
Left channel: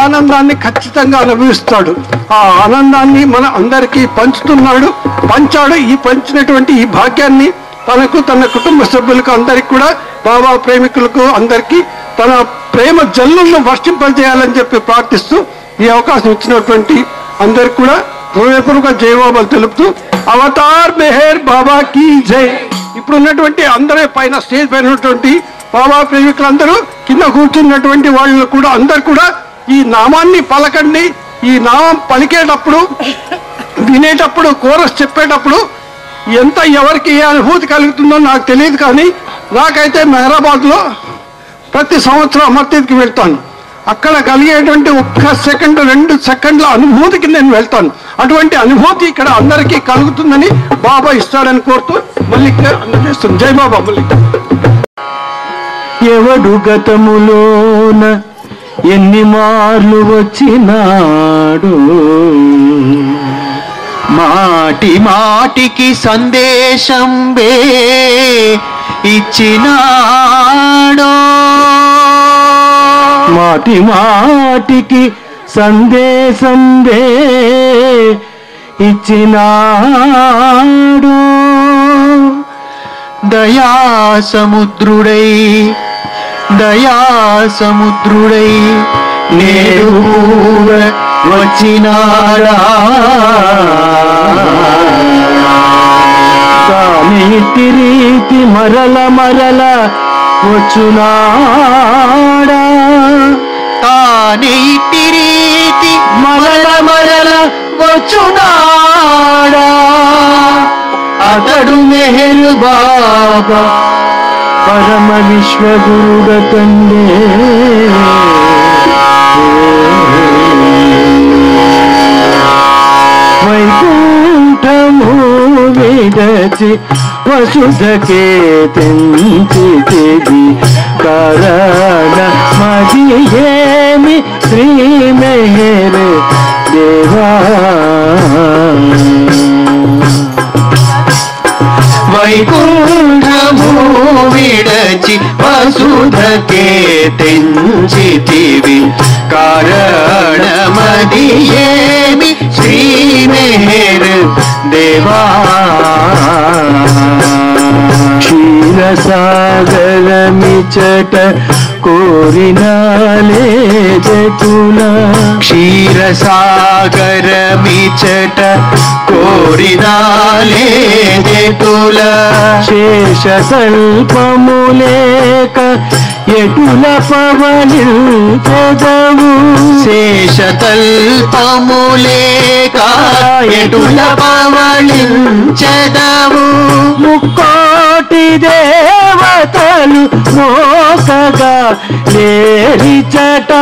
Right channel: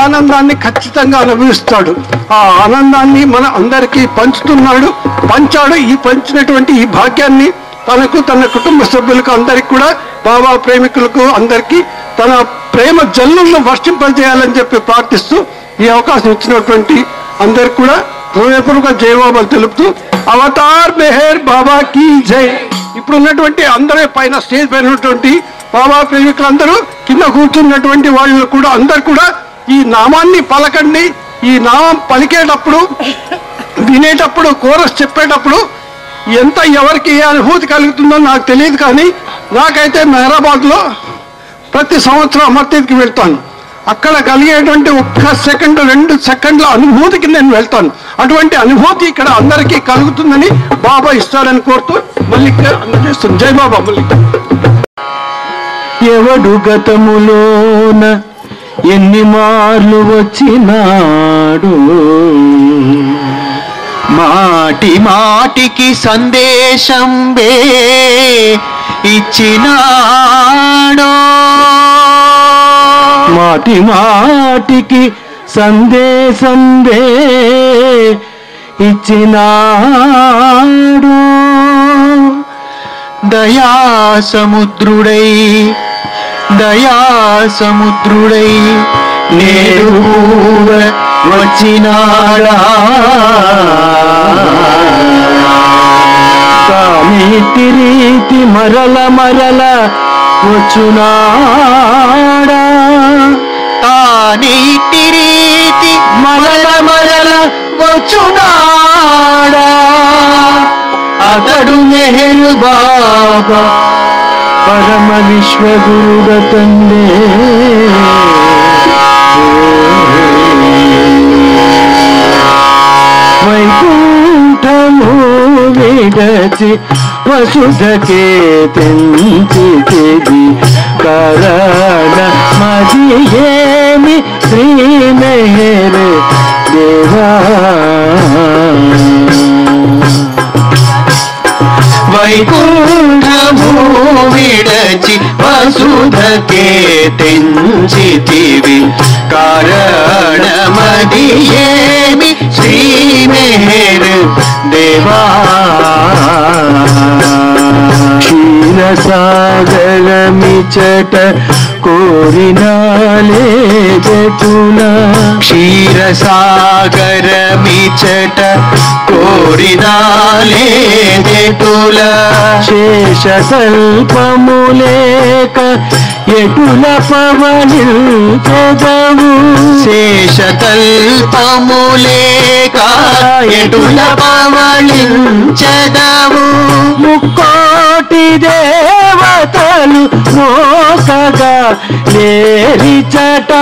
ఆనందాన్ని ఖచ్చితంగా అనుభవిస్తాడు. ఆ ఆనందాన్ని మన అందరికీ పంచాడు. ఈ పంచినటువంటి ఈ భాగ్యాన్ని తనకు, తన కుటుంబ సభ్యులకు, అందరికి కూడా, బాబా ప్రేమికులకు అందరికీ తన ప్రేమ జల్లులను వర్షింపజేయాలని చెప్పి ప్రార్థిస్తూ ఈ అవకాశం ఇచ్చినటువంటి అందరికి కూడా హృదయపూర్వక జయబాబాలు తెలుపుతూ అవతార్ మెహర్ బాబా కీ జై. ఇప్పుడు ఉన్నటువంటి అందరూ పైన స్టేజ్ పైన ఉన్నటువంటి బాబా ప్రేమికులందరూ కింద కూర్చున్నటువంటి వాళ్ళు కూడా అందరు కూడా ఈ నామాన్ని పలకండి. ఈ నామం పలికేటప్పుడు వినేటప్పుడు కోరస్ చెప్పేటప్పుడు ఎంత ఎవరికి ఏ అనుభూతి కలుగుతుందో నాకు తెలియదు, కానీ నాకైతే మెహరాబాద్లో ప్రతి సంవత్సరం అమర్తీకి వెళ్తాను. అక్కడ కలిగేటువంటి 1 సెకండ్ 2 సెకండ్ల అనుభూతికి నేను వెళ్తాను. అటువంటి అనుభూతి ఇక్కడ అందరికీ కలుగుతుందని బాబా ఇస్తాడని కోరుతూ మల్లిక అందజేస్తుంది. జై బాబా మల్లిక. ఎవడు గతములోన ఎన్ని మార్లు వచ్చినాడు, మాటి మాటికి సందేశం ఇచ్చినాడో, మాటి మాటికి సందేశం ఇచ్చినాడు. దయాసముద్రుడై నేడు వచ్చినాడా, కానిటి రీతి మరల వచ్చునాడా, తానిటి రీతి మరల వచ్చునాడా. అతడు మెహరు బాబా పరమ విశ్వగురుడ తండే. వైకుంఠము విడచి వసుధకే తెంచితివి, కారణ మది ఏమి శ్రీ మెహర్ దేవా. వైకుంఠము విడచి వసుధకే తెంచితివి, కారణమది ఏమి శ్రీ మెహర్ దేవా. క్షీరసాగరమిచట కోరినాలే జటుల, క్షీరసాగరమిచట కోరినాలే జటుల. శేషతల్పములేక ఎటుల పవనించెదవు, శేషతల్పములేక ఎటుల పవళించెదవు. ముక్కోటి దేవతలు మోకగా లేరిచట,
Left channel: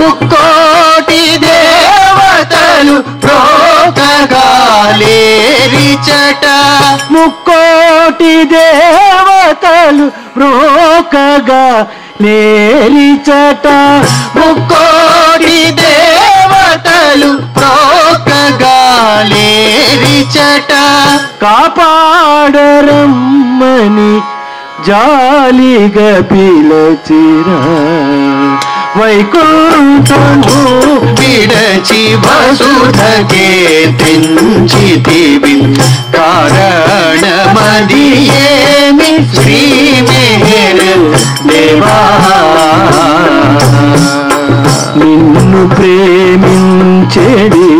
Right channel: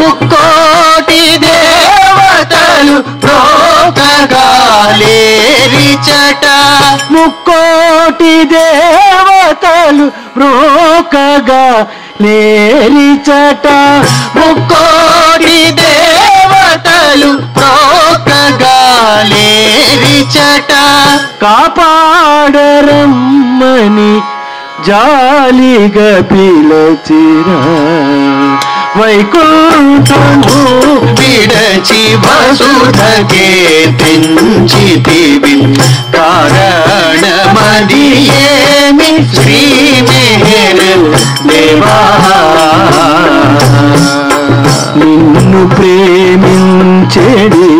ముక్కోటి దేవతలు ప్రోకగా లేరిచట, ముక్కోటి దేవతలు మోకగా లేరిచట, ముక్కోటి దేవతలు ప్రోకగా లేరిచట. కాపాడరమ్మని జాలిగా పిలచిరా, వైకుంఠము విడచి వసుధకే తెంచితివి, కారణమది ఏమి శ్రీ మెహర్ దేవా. నిన్ను ప్రేమించెడి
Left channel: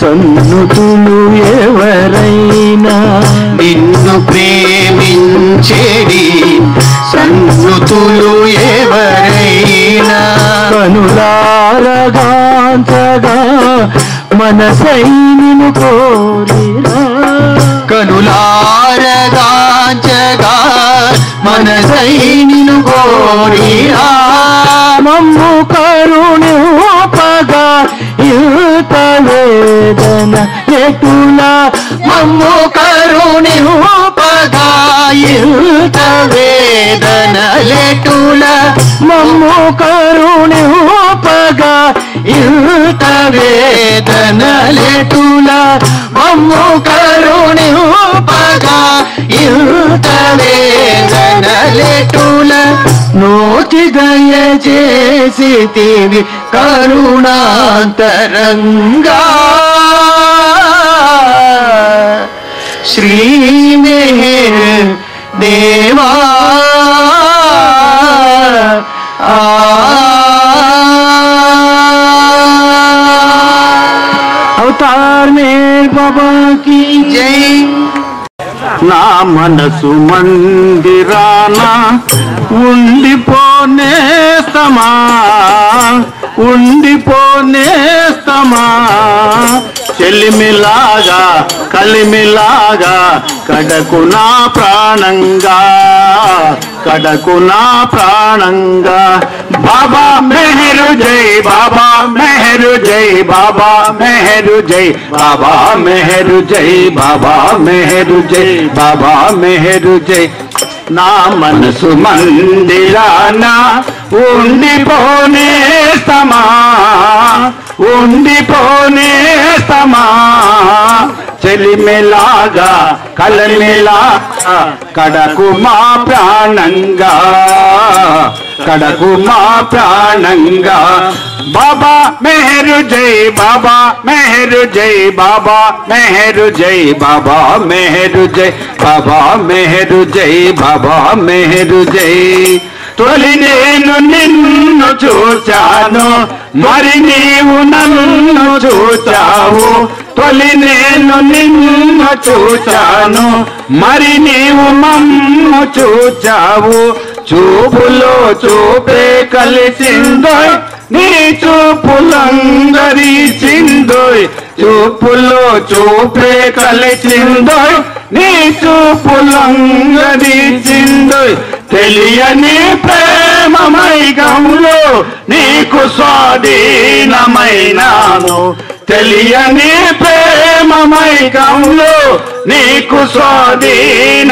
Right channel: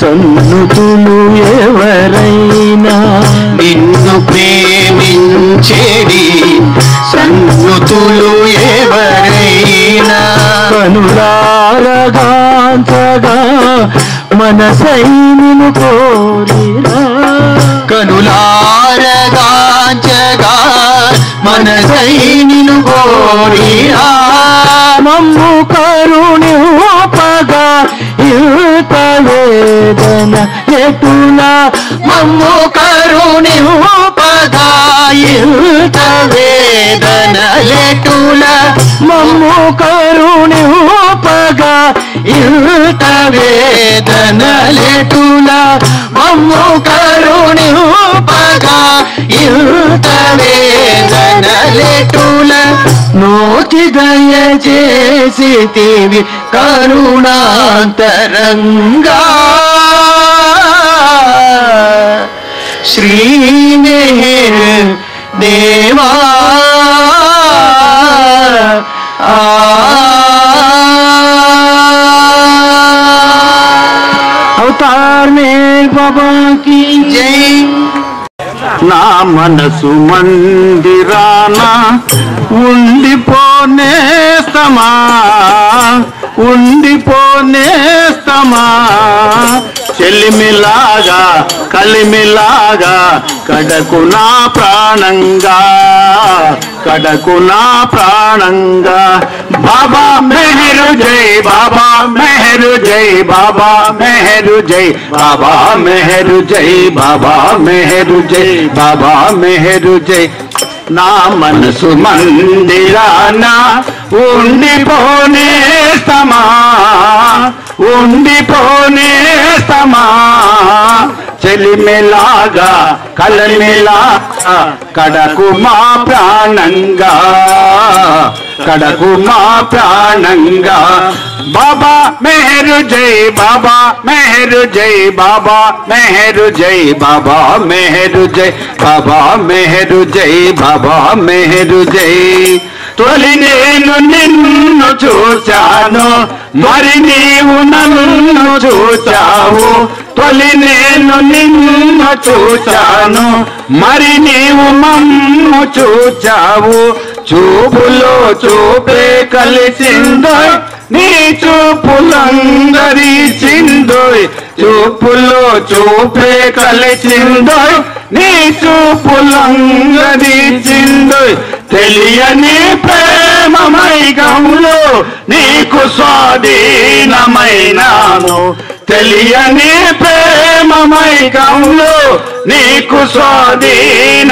సన్నుతులు ఎవరైనా, నిన్ను ప్రేమించెడి సన్నుతులు ఎవరైనా, కనులారగాంచగా మనసై నిన్ను కోరిరా, కనులారగాంచగా మనసై నిన్ను కోరిరా. మమ్ము కరుణింపగా ఇంత వేదన ఎటుల, మమ్ము కరుణింపగా ఇంత వేదన లెటుల, మమ్ము కరుణింపగా ఇంత వేదన లెటుల, మమ్ము కరుణింపగా ఇంత వేదన లెటుల. నోచి దయచేసితివి కరుణాంతరంగా, శ్రీ మెహర్ దేవా. అవతార్ మేర్ బాబా की జై. నా మనసు మందిరాన ఉండిపోనేస్తమా ఉండిపోనేస్తమా చెలిమిలాగా కలిమిలాగా కడకు నా ప్రాణంగా కడకు నా ప్రాణంగా బాబా మెహరు జై బాబా మెహరు జై బాబా మెహరు జై బాబా మెహరు జై బాబా మెహరు జై బాబా మెహరు జై నా మనసు మందిరాన ఉండిపోనేస్తమా ఉండిపోనేస్తమా చెలిమిలాగా కలమిలాగా కడకు మా ప్రాణంగా కడకు మా ప్రాణంగా బాబా మెహరు జై బాబా మెహరు జై బాబా మెహరు జై బాబా మెహరు జై బాబా మెహరు జై బాబా మెహరు జై తొలి నేను నిన్ను చూచాను మరి నీవు నన్ను చూచావు తొలి నేను నిన్ను చూచాను మరి నీవు మమ్ము చూచావు చూపులో చూపే కలిసిందోయ్ నీ చూపులందరిచిందోయ్ చూపులో చూపే కలిసిందోయ్ నీ చూపులందరిచిందోయ్ తెలియని ప్రేమమైగంలో నీకు స్వాధీనమైనాను తెలియని ప్రేమమైగంలో నీకు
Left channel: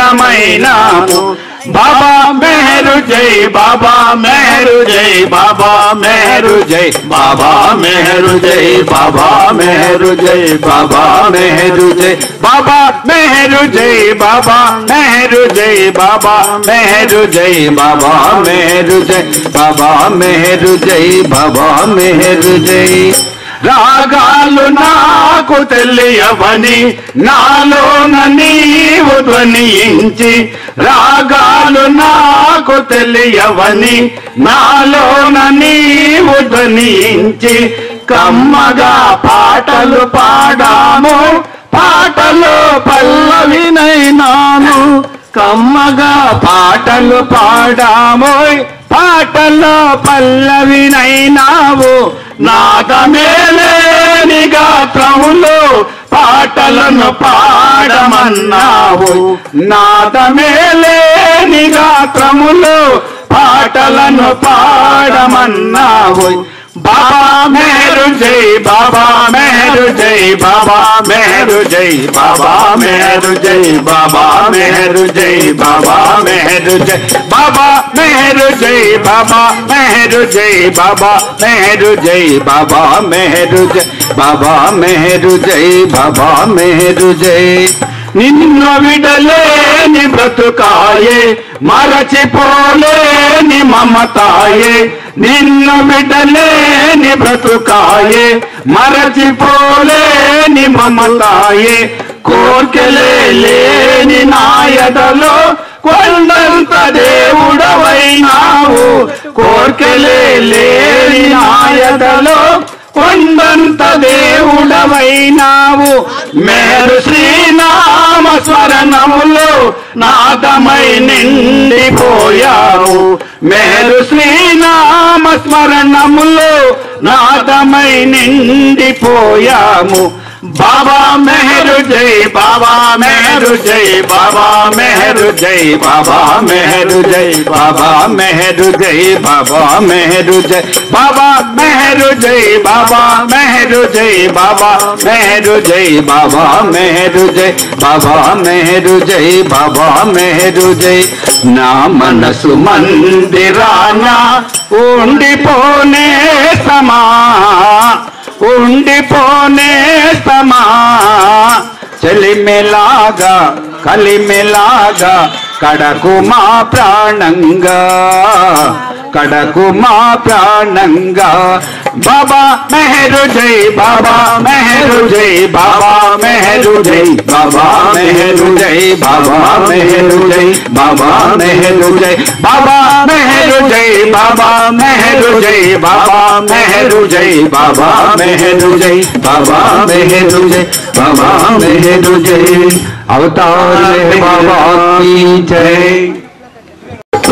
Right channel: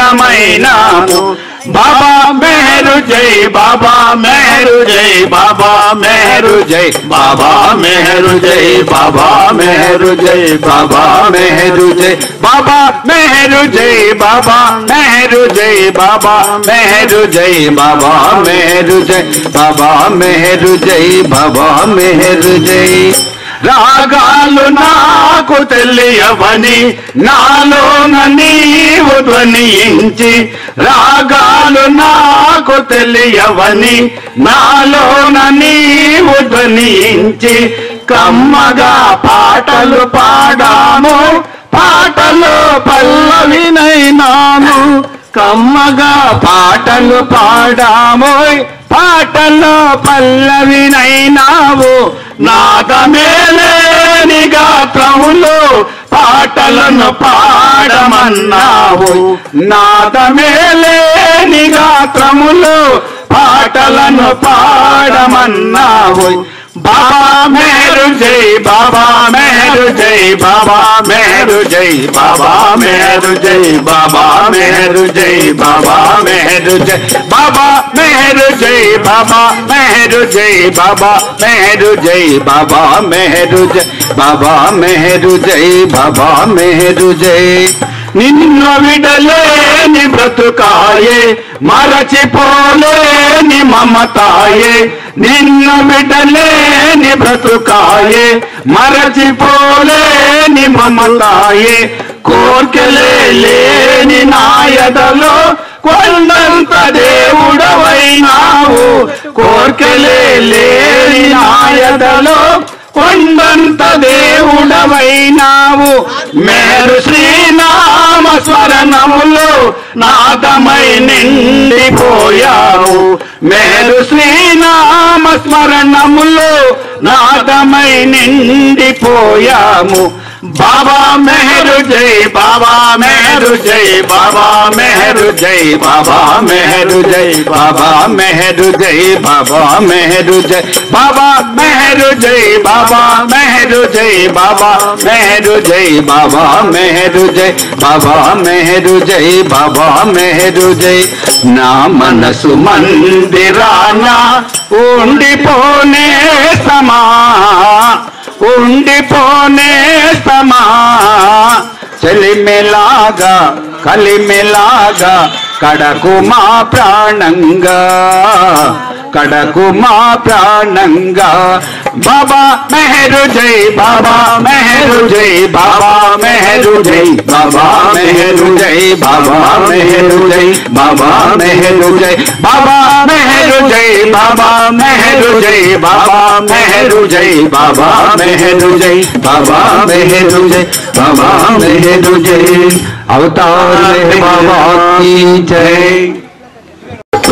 స్వాధీనమైనాను బాబా మెహరు జై బాబా మెహరు జై బాబా మెహరు జై బాబా మెహరు జై బాబా మెహరు జై బాబా మెహరు జై బాబా మెహరు జై బాబా మెహరు జై బాబా మెహరు జై బాబా మెహరు జై బాబా మెహరు జై బాబా మెహరు జై రాగాలు నాకు తెలియవని నాలోన నీవు ధ్వనించి రాగాలు నాకు తెలియవని నాలోన నీవు ధ్వనించి కమ్మగా పాటలు పాడాము పాటలు పల్లవినైనాను కమ్మగా పాటలు పాడామోయ్ పాటలో పల్లవినైనావు నాదమేలేని గాత్రములో పాటలను పాడమన్నావు నాదమేలేని గాత్రములో పాటలను పాడమన్నావు బాబా మెహరు జై బాబా మెహరు జై బాబా మెహరు జై బాబా మెహరు జై బాబా మెహరు జై బాబా మెహరు జై బాబా మెహరు జై బాబా మెహరు జై బాబా మెహరు జై బాబా మెహరు జై బాబా మెహరు జై బాబా మెహరు జై నిన్ను విడలేని బ్రతుకాయే మరచిపోలేని మమతాయే నిన్ను విడలేని బ్రతుకాయే మరచిపోలేని మమతాయే కోర్కెలే లేని నాయదలో కొండంత దేవుడవైనావు కోర్కెలే లేని నాయదలో కొండంత దేవుడవైనావు మేరు శ్రీనామ స్మరణములో నాదమై నిండిపోయావు మేరు శ్రీనామ స్మరణములో నాదమై నిండిపోయాము బాబా మెహరు జై బాబా మెహరు జై బాబా మెహరు జై బాబా మెహరు జై బాబా మెహరు జై బాబా మెహరు జై బాబా మెహరు జై బాబా మెహరు జై బాబా మెహరు జై బాబా మెహరు జై బాబా మెహరు జై బాబా మెహరు జై నా మనసు మందిరాన ఉండిపోనే సమా ఉండిపోనేస్తమా చెలిమిలాగా కలిమిలాగా కడకు మా ప్రాణంగా కడకు మా ప్రాణంగా బాబా మెహరు జై బాబా మెహరు జై బాబా మెహరు జై బాబా మెహరు జై బాబా మెహరు జై బాబా మెహరు జై బాబా మెహరు జై బాబా మెహరు జై బాబా మెహరు జై బాబా మెహరు జై బాబా మెహరు జై బాబా మెహరు జై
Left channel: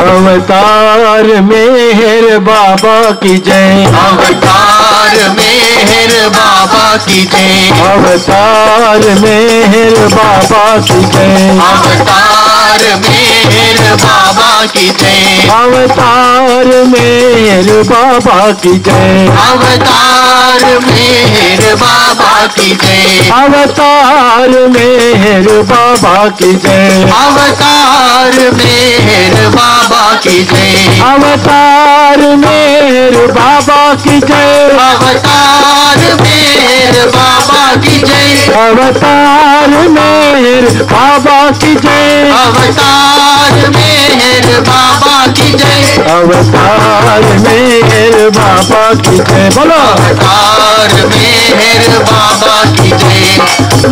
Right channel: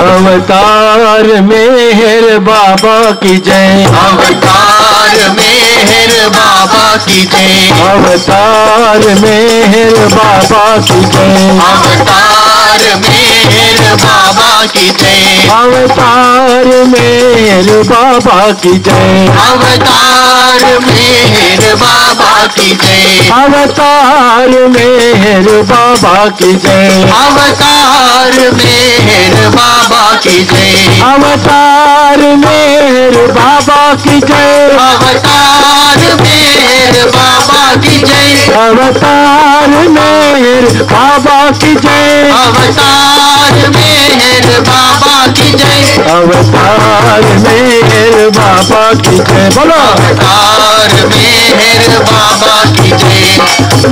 अवतार में बाबा की जय अवतार मेहर बाबा की जय अवतार मेहर बाबा की जय अवतार मेहर बाबा की जय अवतार मेहर बाबा की जय अवतार मेहर बाबा की जय अवतार मेहर बाबा की जय अवतार मेहर बाबा की जय अवतार मेहर बाबा की जय अवतार मेहर बाबा की जय अवतार मेहर बाबा की जय अवतार मेहर बाबा की जय अवतार मेहर बाबा की जय अवतार मेहर बाबा की जय बोलो अवतार मेहर बाबा की जय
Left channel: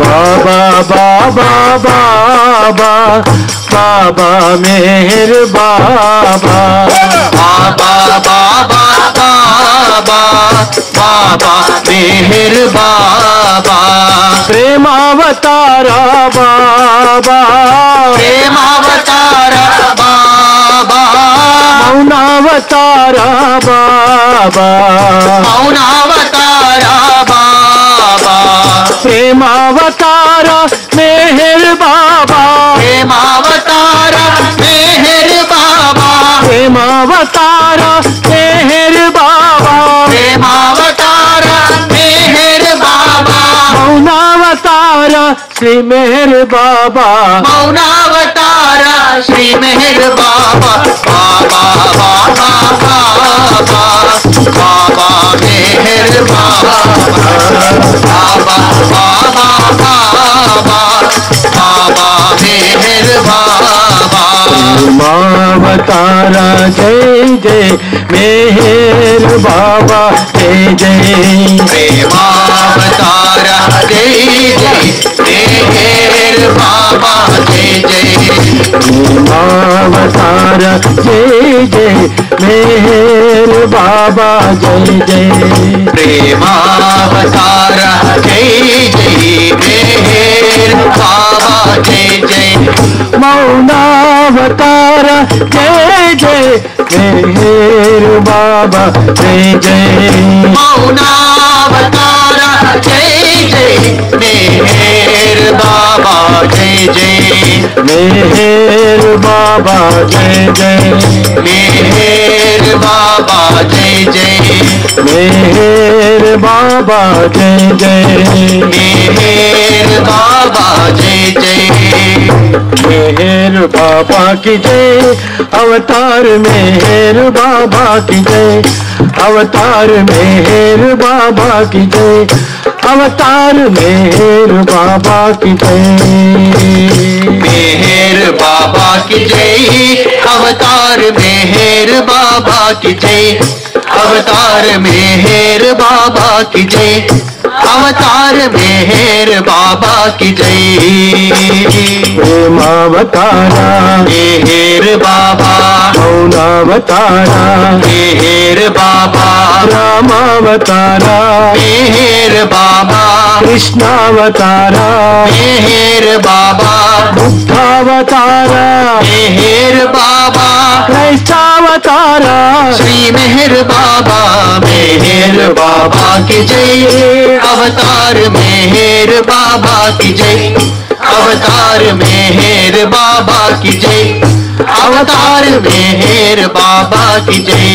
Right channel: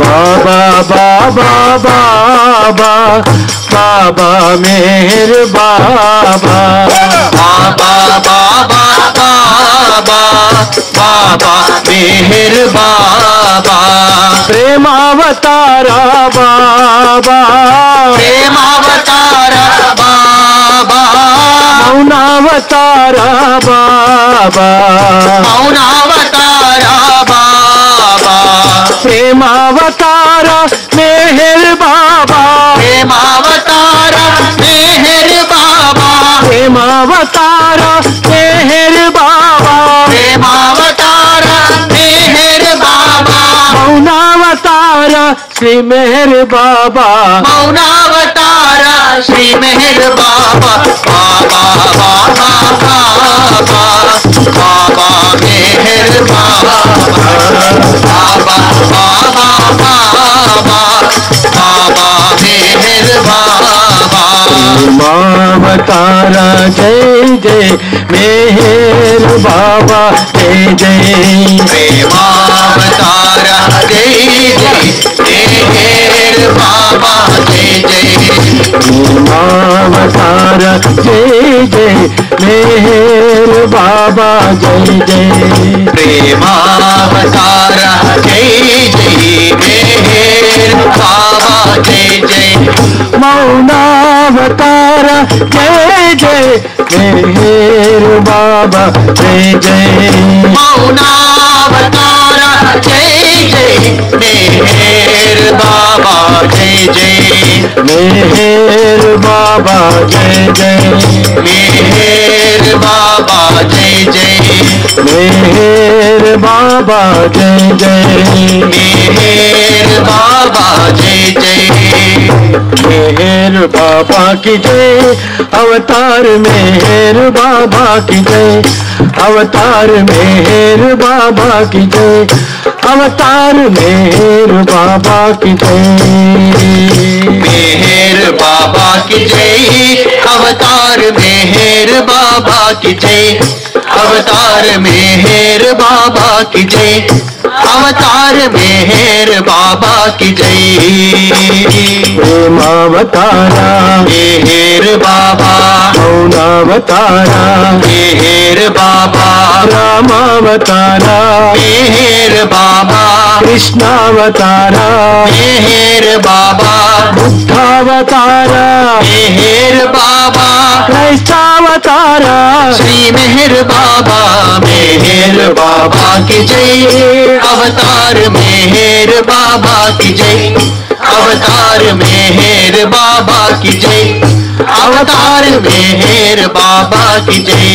बाबा बाबा बाबा बाबा मेहर बाबा बाबा बाबा बाबा बाबा मेहर बाबा प्रेमावतारा बाबा प्रेमावतारा बाबा मौनावतारा बाबा मौनावतारा बाबा प्रेमावतारा मेहर बाबा प्रेमावतारा मेहर बाबा प्रेमावतारा मेहर बाबा प्रेमावतारा मेहर बाबा मौनावतारा श्री मेहर बाबा मौनावतारा श्री मेहर बाबा बाबा बाबा बाबा बाबा मेहर बाबा बाबा बाबा बाबा बाबा मेहर बाबा मावतारा जय जय मेहर बाबा जय जय प्रेमावतारा जय जय मेहर बाबा जय जय मावतारा जय जय मेहर बाबा जय जय प्रेमावतारा जय जय मेहर बाबा जय जय मौनावतारा जय जय मेहर बाबा जय जय मौनावतारा जय जय मेहर बाबा जय जय मेहर बाबा जय जय मेहर बाबा जय जय मेहर बाबा जय जय मेहर बाबा जय जय मेहर बाबा की जय अवतार मेहर बाबा की जय अवतार मेहर बाबा की जय अवतार मेहर बाबा की जय मेहर बाबा की जय अवतार मेहर बाबा की जय अवतार मेहर बाबा की जय अवतार मेहर बाबा की जय प्रेमावतारा मेहर बाबा मौनावतारा मेहर बाबा रामावतारा मेहर बाबा कृष्णावतारा मेहर बाबा बुद्धावतारा मेहर बाबा क्राइस्तावतारा श्री मेहर बाबा मेहर बाबा की जय अवतार मेहर बाबा की जय अवतार मेहर बाबा की जय अवतार मेहर बाबा की जय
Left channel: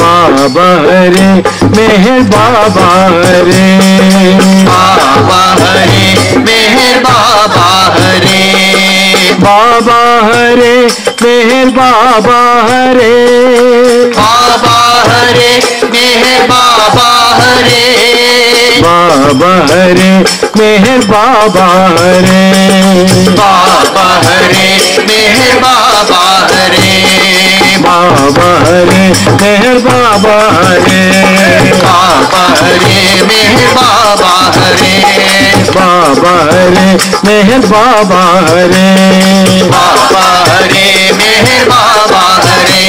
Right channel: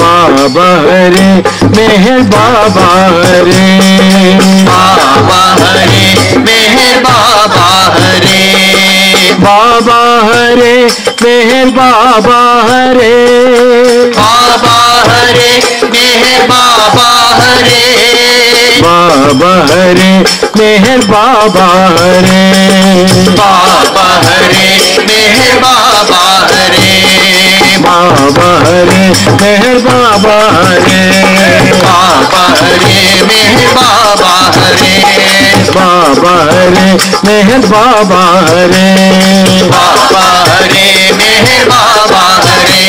बाबा हरे मेहर बाबा हरे बाबा हरे मेहर बाबा हरे बाबा हरे मेहर बाबा हरे बाबा हरे मेहर बाबा हरे बाबा हरे मेहर बाबा हरे बाबा हरे मेहर बाबा हरे बाबा रे मेहर बाबा रे बाबा रे मेहर बाबा रे बाबा रे मेहर बाबा रे बाबा रे मेहर बाबा रे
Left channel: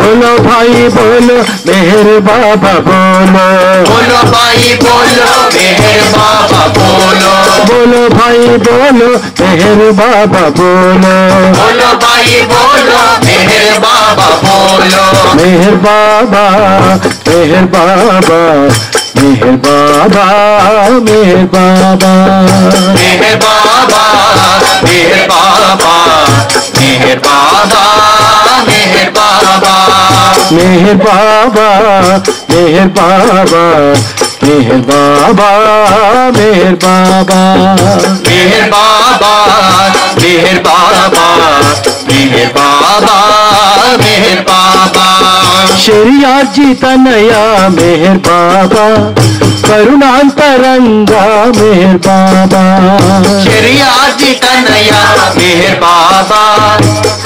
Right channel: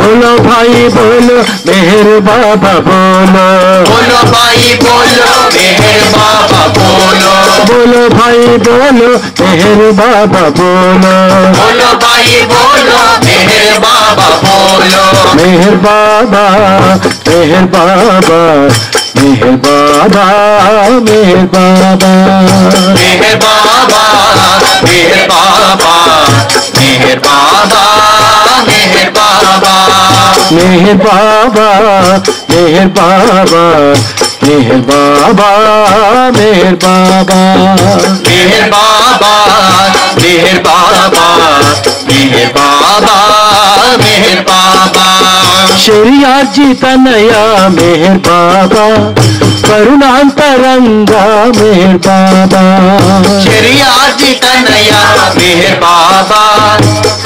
बोलो भाई बोलो मेहर बाबा बोलो बोलो भाई बोलो मेहर बाबा बोलो बोलो भाई बोलो मेहर बाबा बोलो बोलो भाई बोलो मेहर बाबा बोलो मेहर बाबा मेहर बाबा मेहर बाबा मेहर बाबा मेहर बाबा मेहर बाबा मेहर बाबा मेहर बाबा मेहर बाबा मेहर बाबा मेहर बाबा मेहर बाबा मेहर बाबा मेहर बाबा मेहर बाबा मेहर बाबा शरिया जी तनया मेहर बाबा करुणांतरंगा मेहर बाबा शरिया जी तनया मेहर बाबा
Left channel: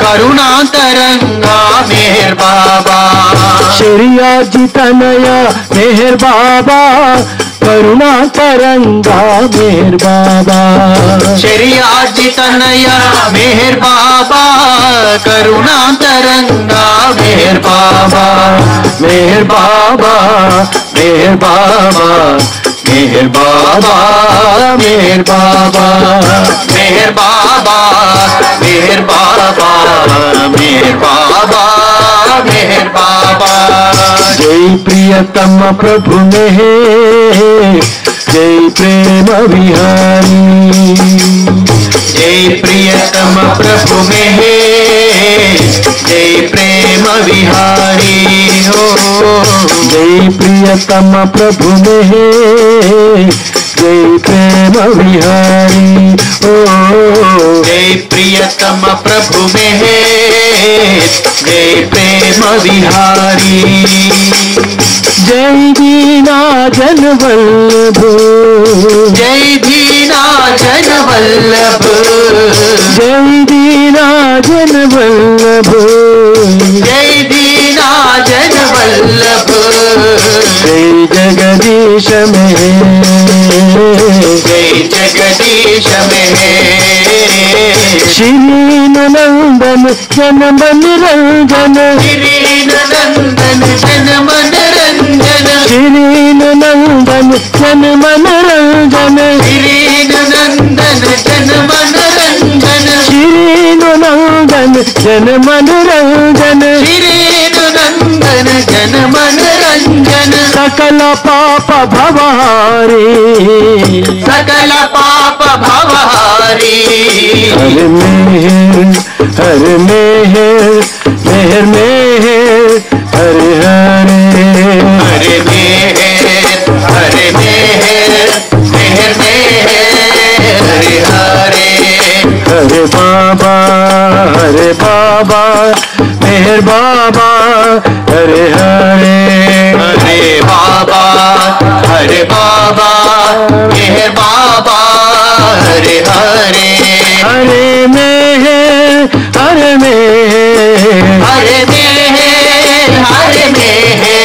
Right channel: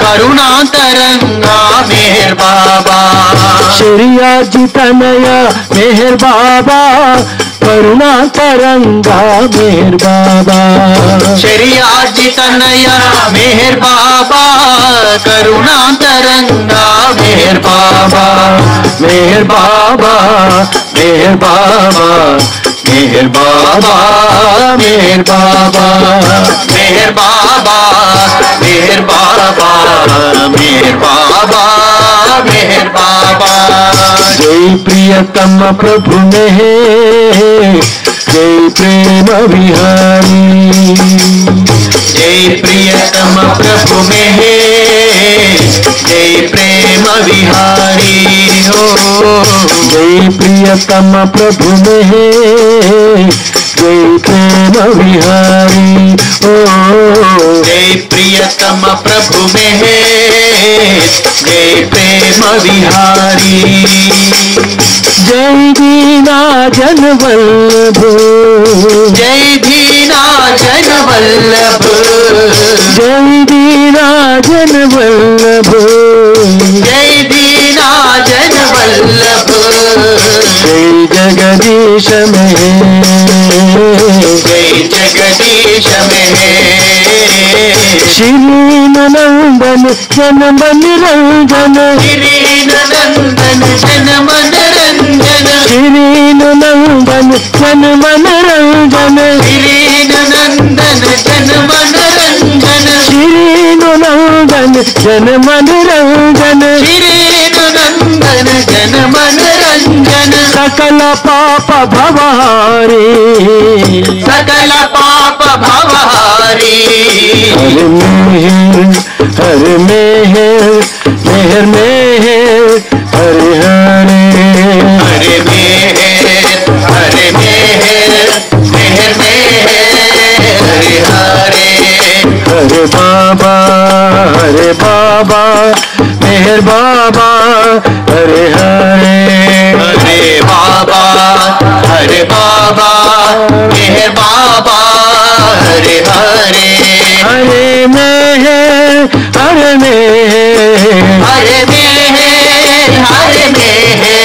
करुणा तरंगा मेहर बाबा शरिया जी तनया मेहर बाबा करुणा तरंगा मेहर बाबा शरिया जी तनया मेहर बाबा करुणा तरंगा मेहर बाबा मेहर बाबा मेहर बाबा मेहर बाबा मेहर बाबा मेहर बाबा मेहर बाबा मेहर बाबा मेहर बाबा जय प्रियतम प्रभु मेहर जय प्रेम विहारी जय प्रियतम प्रभु मेहर जय प्रेम विहारी हो जय प्रियतम प्रभु मेहर जय प्रेम विहारी ओ जय प्रियतम प्रभु मेहर जय प्रेम विहारी जय दीना जन वल्लभ जय दीना जन वल्लभ जय दीना जन वल्लभ जय दीना जन वल्लभ जय जगदीश में जय जगदीश में श्री नंदन जन मन रंजन श्री नंदन जन मन रंजन श्री नंदन जन मन रंजन श्री नंदन जन मन रंजन श्री नंदन जन मन रंजन श्री नंदन जन मन रंजन सकल पाप भवारी सकल पाप भवारी हर मेहर हर मेहर मेहर मेहर हरे हरे हरे मेहर हरे मेहर मेहर मेहर हरे हरे हरे बाबा मेहर बाबा हरे हरे हरे बाबा मेहर बाबा हरे हरे हरे मेहर हरे मेहर हरे मेहर हरे मेहर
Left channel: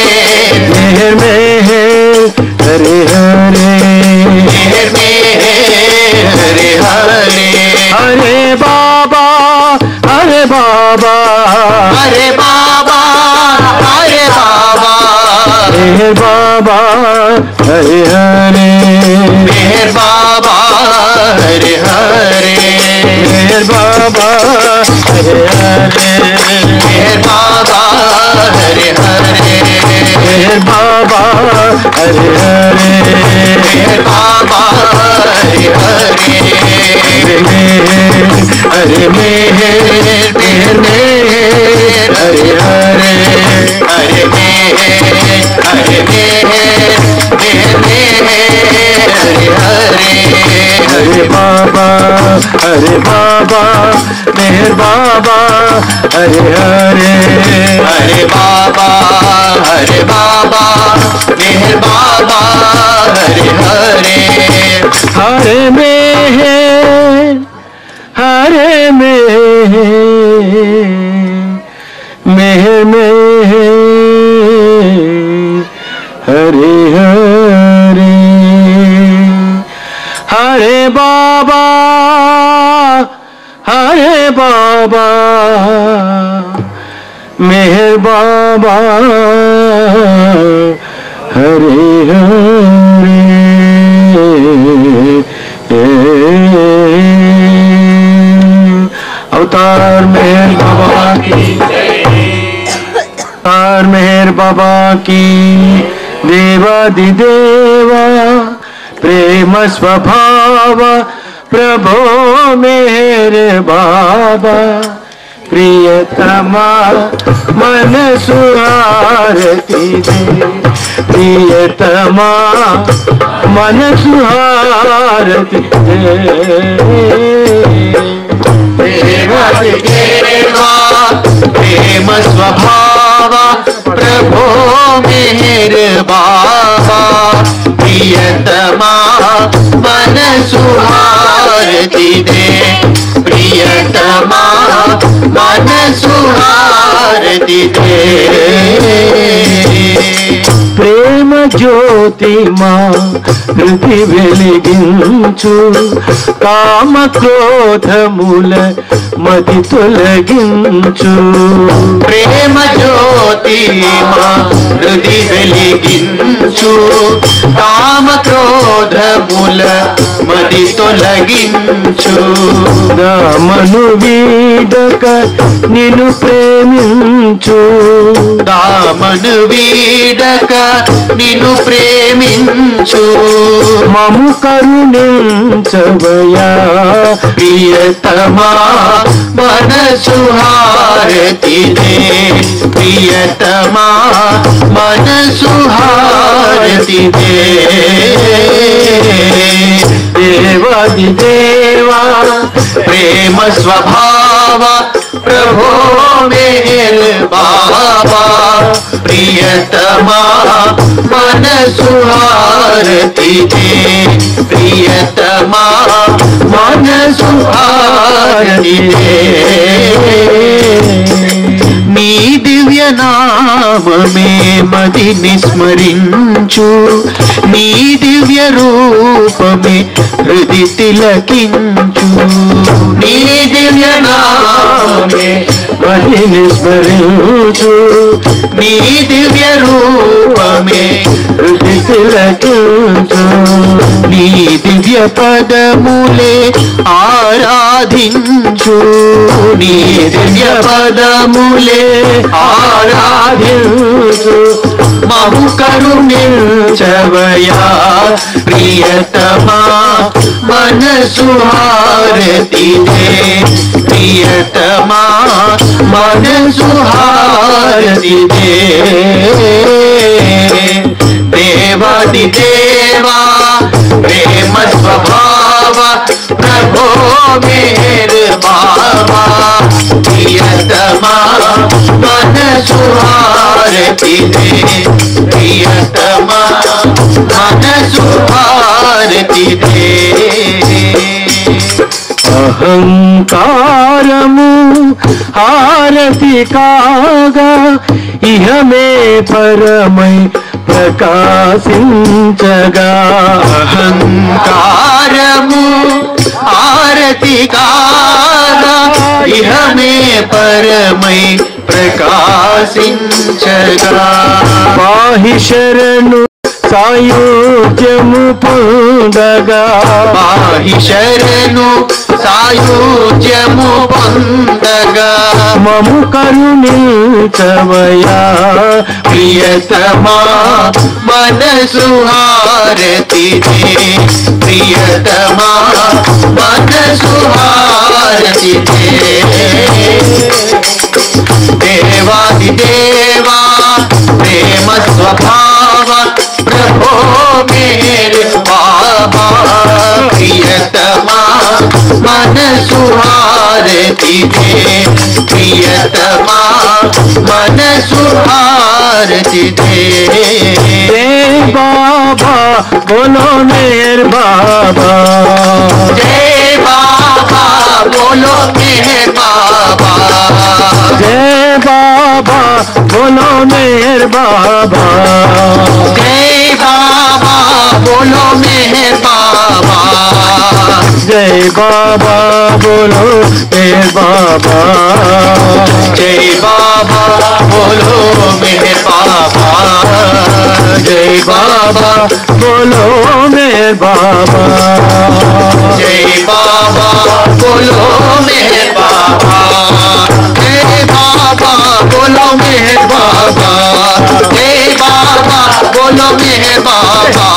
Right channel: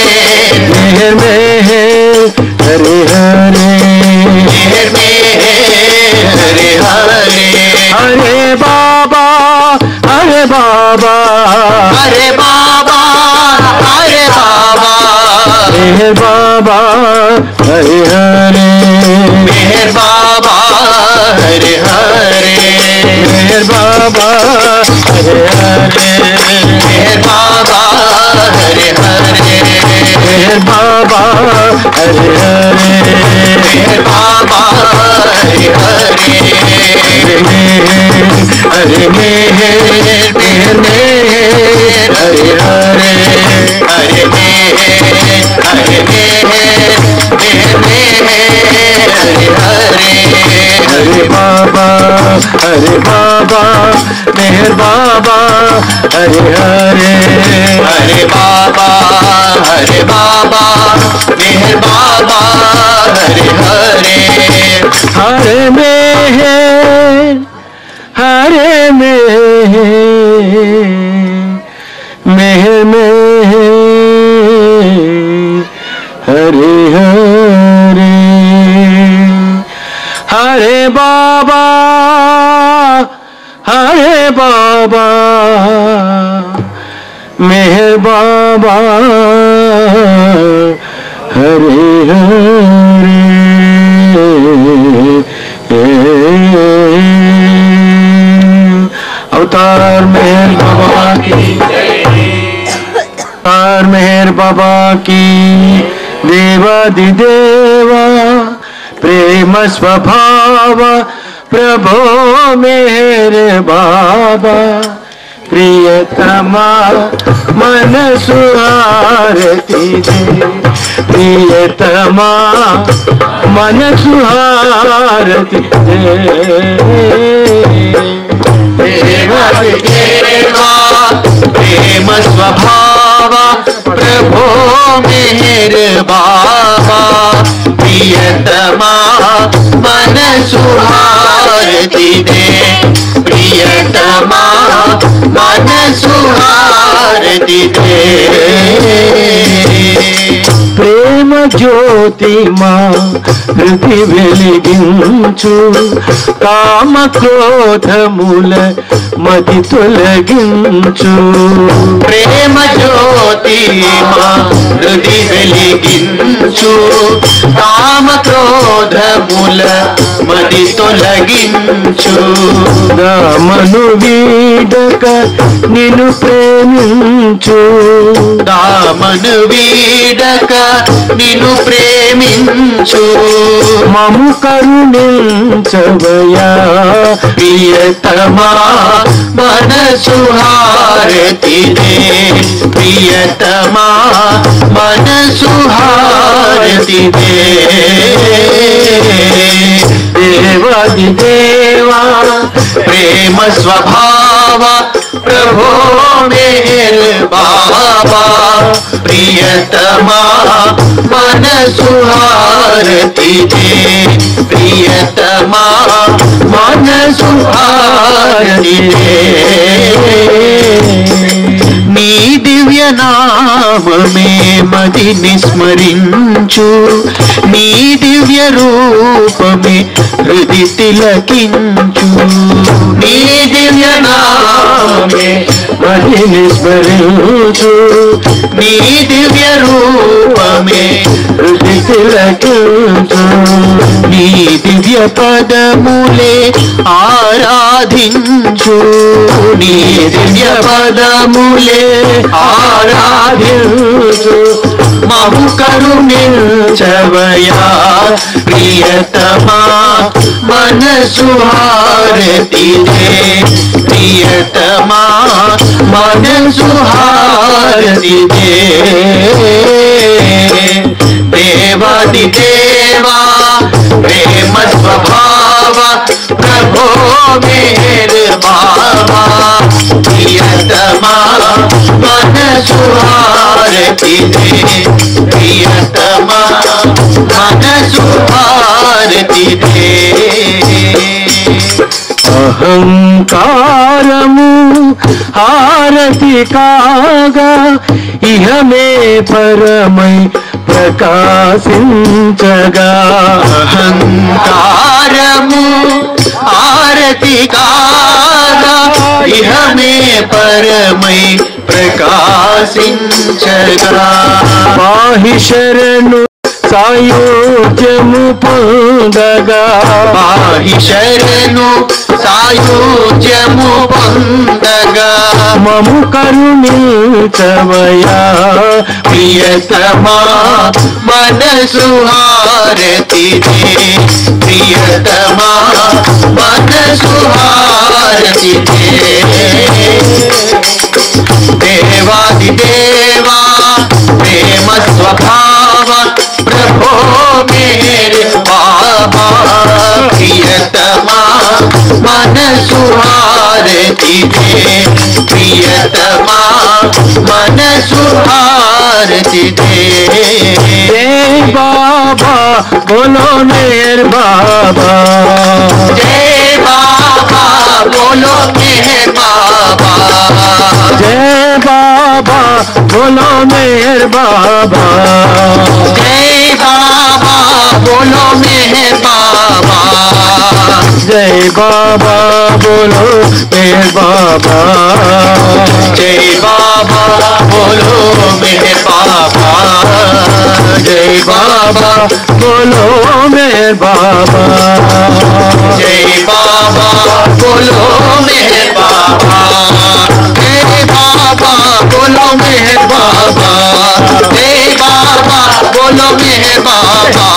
मेहर मेहर हरे हरे मेहर मेहर हरे हरे हरे बाबा हरे बाबा हरे बाबा हरे बाबा मेहर बाबा हरे हरे मेहर बाबा हरे हरे मेहर बाबा हरे हरे मेहर बाबा हरे हरे मेहर बाबा हरे हरे मेहर बाबा हरे हरे हरे मेहर मेहर मेहर हरे हरे हरे मेहर हरे मेहर मेहर मेहर हरे हरे हरे बाबा मेहर बाबा हरे हरे हरे बाबा मेहर बाबा हरे हरे हरे मेहर हरे मेहर मेहर हरे हरे हरे बाबा मेहर बाबा हरे हरे अवतार मेहर बाबा की, अवतार मेहर बाबा की, देवादिदेवा प्रेम स्वभाव प्रभो मेहर बाबा प्रियतमा मन सुहारती दे, प्रियतमा मन सुहारती दे। देवा प्रेम स्वभाव प्रभो मेहर बाबा प्रियतमा मन सुहारती दे, प्रियतमा मन सुहारती दे। प्रेम ज्योति मां हृदय వెలిగించు, కామ క్రోధ మూల మతి తొలగించు। ప్రేమ జ్యోతి మా హృదయ వెలిగించు, కామ క్రోధ మూల మతి తొలగించు। దామను వీడక నిన్ను ప్రేమించు, దామను వీడక నిన్ను ప్రేమించు। మము కరుణించవయా ప్రియతమా మనసు హారతి దే, ప్రియతమా మనసు హారతి దే। దేవాదిదేవా ప్రేమ స్వభావ ప్రభో మేర్ బాబా ప్రియతమా మనసు హారతి దే, ప్రియతమా మనసు హారతి దే। నీ దివ్య నామమే మది నిస్మరించు, నీ దివ్య రూపమే హృది తిలకించు। నీ దివ్య నామమే మది నిస్మరించు, నీ దివ్య రూపమే హృది తిలకించు। నీ దివ్య పదములే ఆరాధించు, నీ దివ్య పదములే ఆరాధించు। మము కరుణించవయా ప్రియతమా మనసు హారతి దే, ప్రియతమా మనసు హారతి దే। దేవాది దేవా ప్రేమ స్వభావ ప్రభో మేర్ బాబా ప్రియతమా మనసు హారతి దే, ప్రియతమా మనసు హారతి దే। అహంకారము హారతి కాగా ఇహమే పరమై ప్రకాశించగా। అహంకారము హారతి కాగా ఇహమే పరమై ప్రకాశించగా। పాహి శరణు సాయుధ్యము పొందగా, పాహి శరణు సాయుధ్యము పొందగా। మము కరుణించవయా ప్రియతమా మనసు హారతి దే, ప్రియతమా మనసు హారతి దే। దేవాది దేవా ప్రేమ స్వభావ ప్రభో మేర్ బాబా ప్రియతమా మనసు హారతి దే, ప్రియతమా మనసు హారతి దే। जय बाबा बोलो मेहर बाबा, जय बाबा बोलो मेहर बाबा, जय बाबा बोलो मेहर बाबा, जय जय बाबा बोलो मेहर बाबा जय बाबा बोलो मेहर बाबा जय बाबा बोलो मेहर बाबा जय बाबा बोलो मेहर बाबा जय बाबा बोलो मेहर बाबा जय बाबा बोलो मेहर बाबा